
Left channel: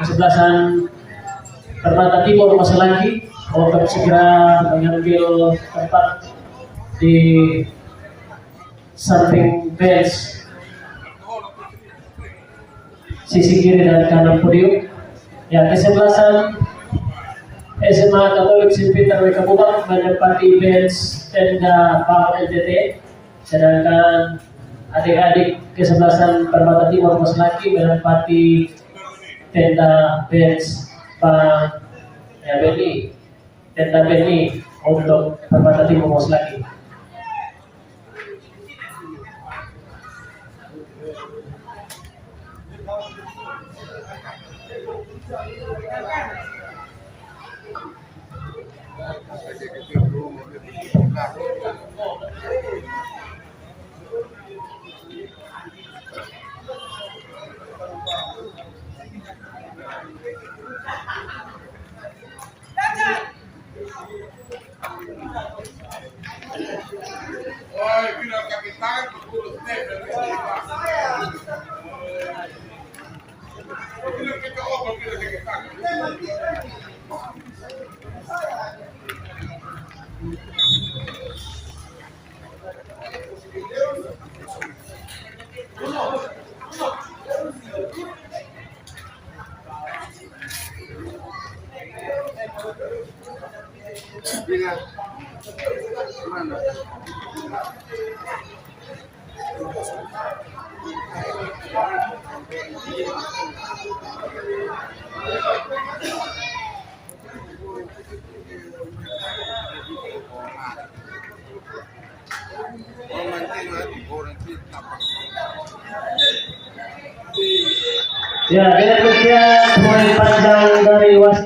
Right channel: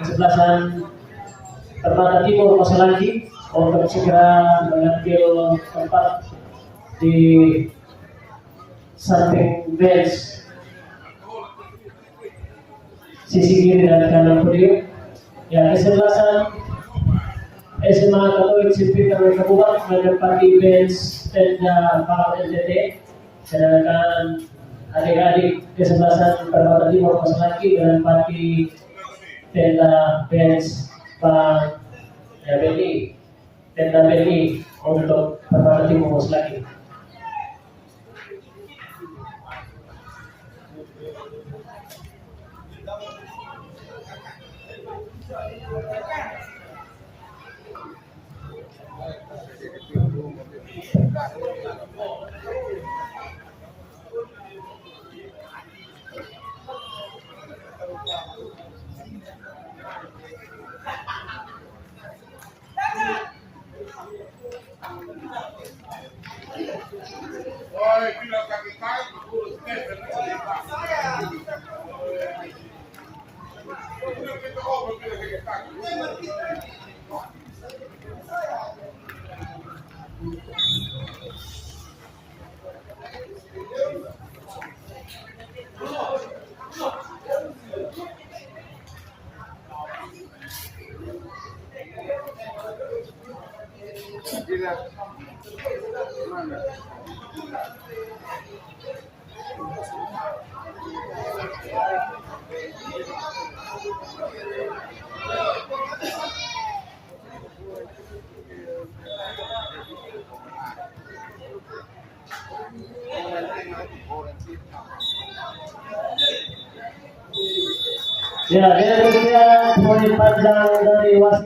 kesebelasan Permata Timur Koselaki untuk segera mengambil tempat di samping bench sisi kiri dan kanan podium. Ya, kesebelasan SMA Katolik St. Peter Wekabubak menempati bench tenda Pak LTT, sedangkan adik-adik kesebelasan Permata Timur Mas Laki menempati tenda bench Pak Beni, tenda Beni untuk Permata Timur Mas Laki. Jadi gitu belum Bila mana? Orang kita. Ya, demikian poin panjang dari wasit.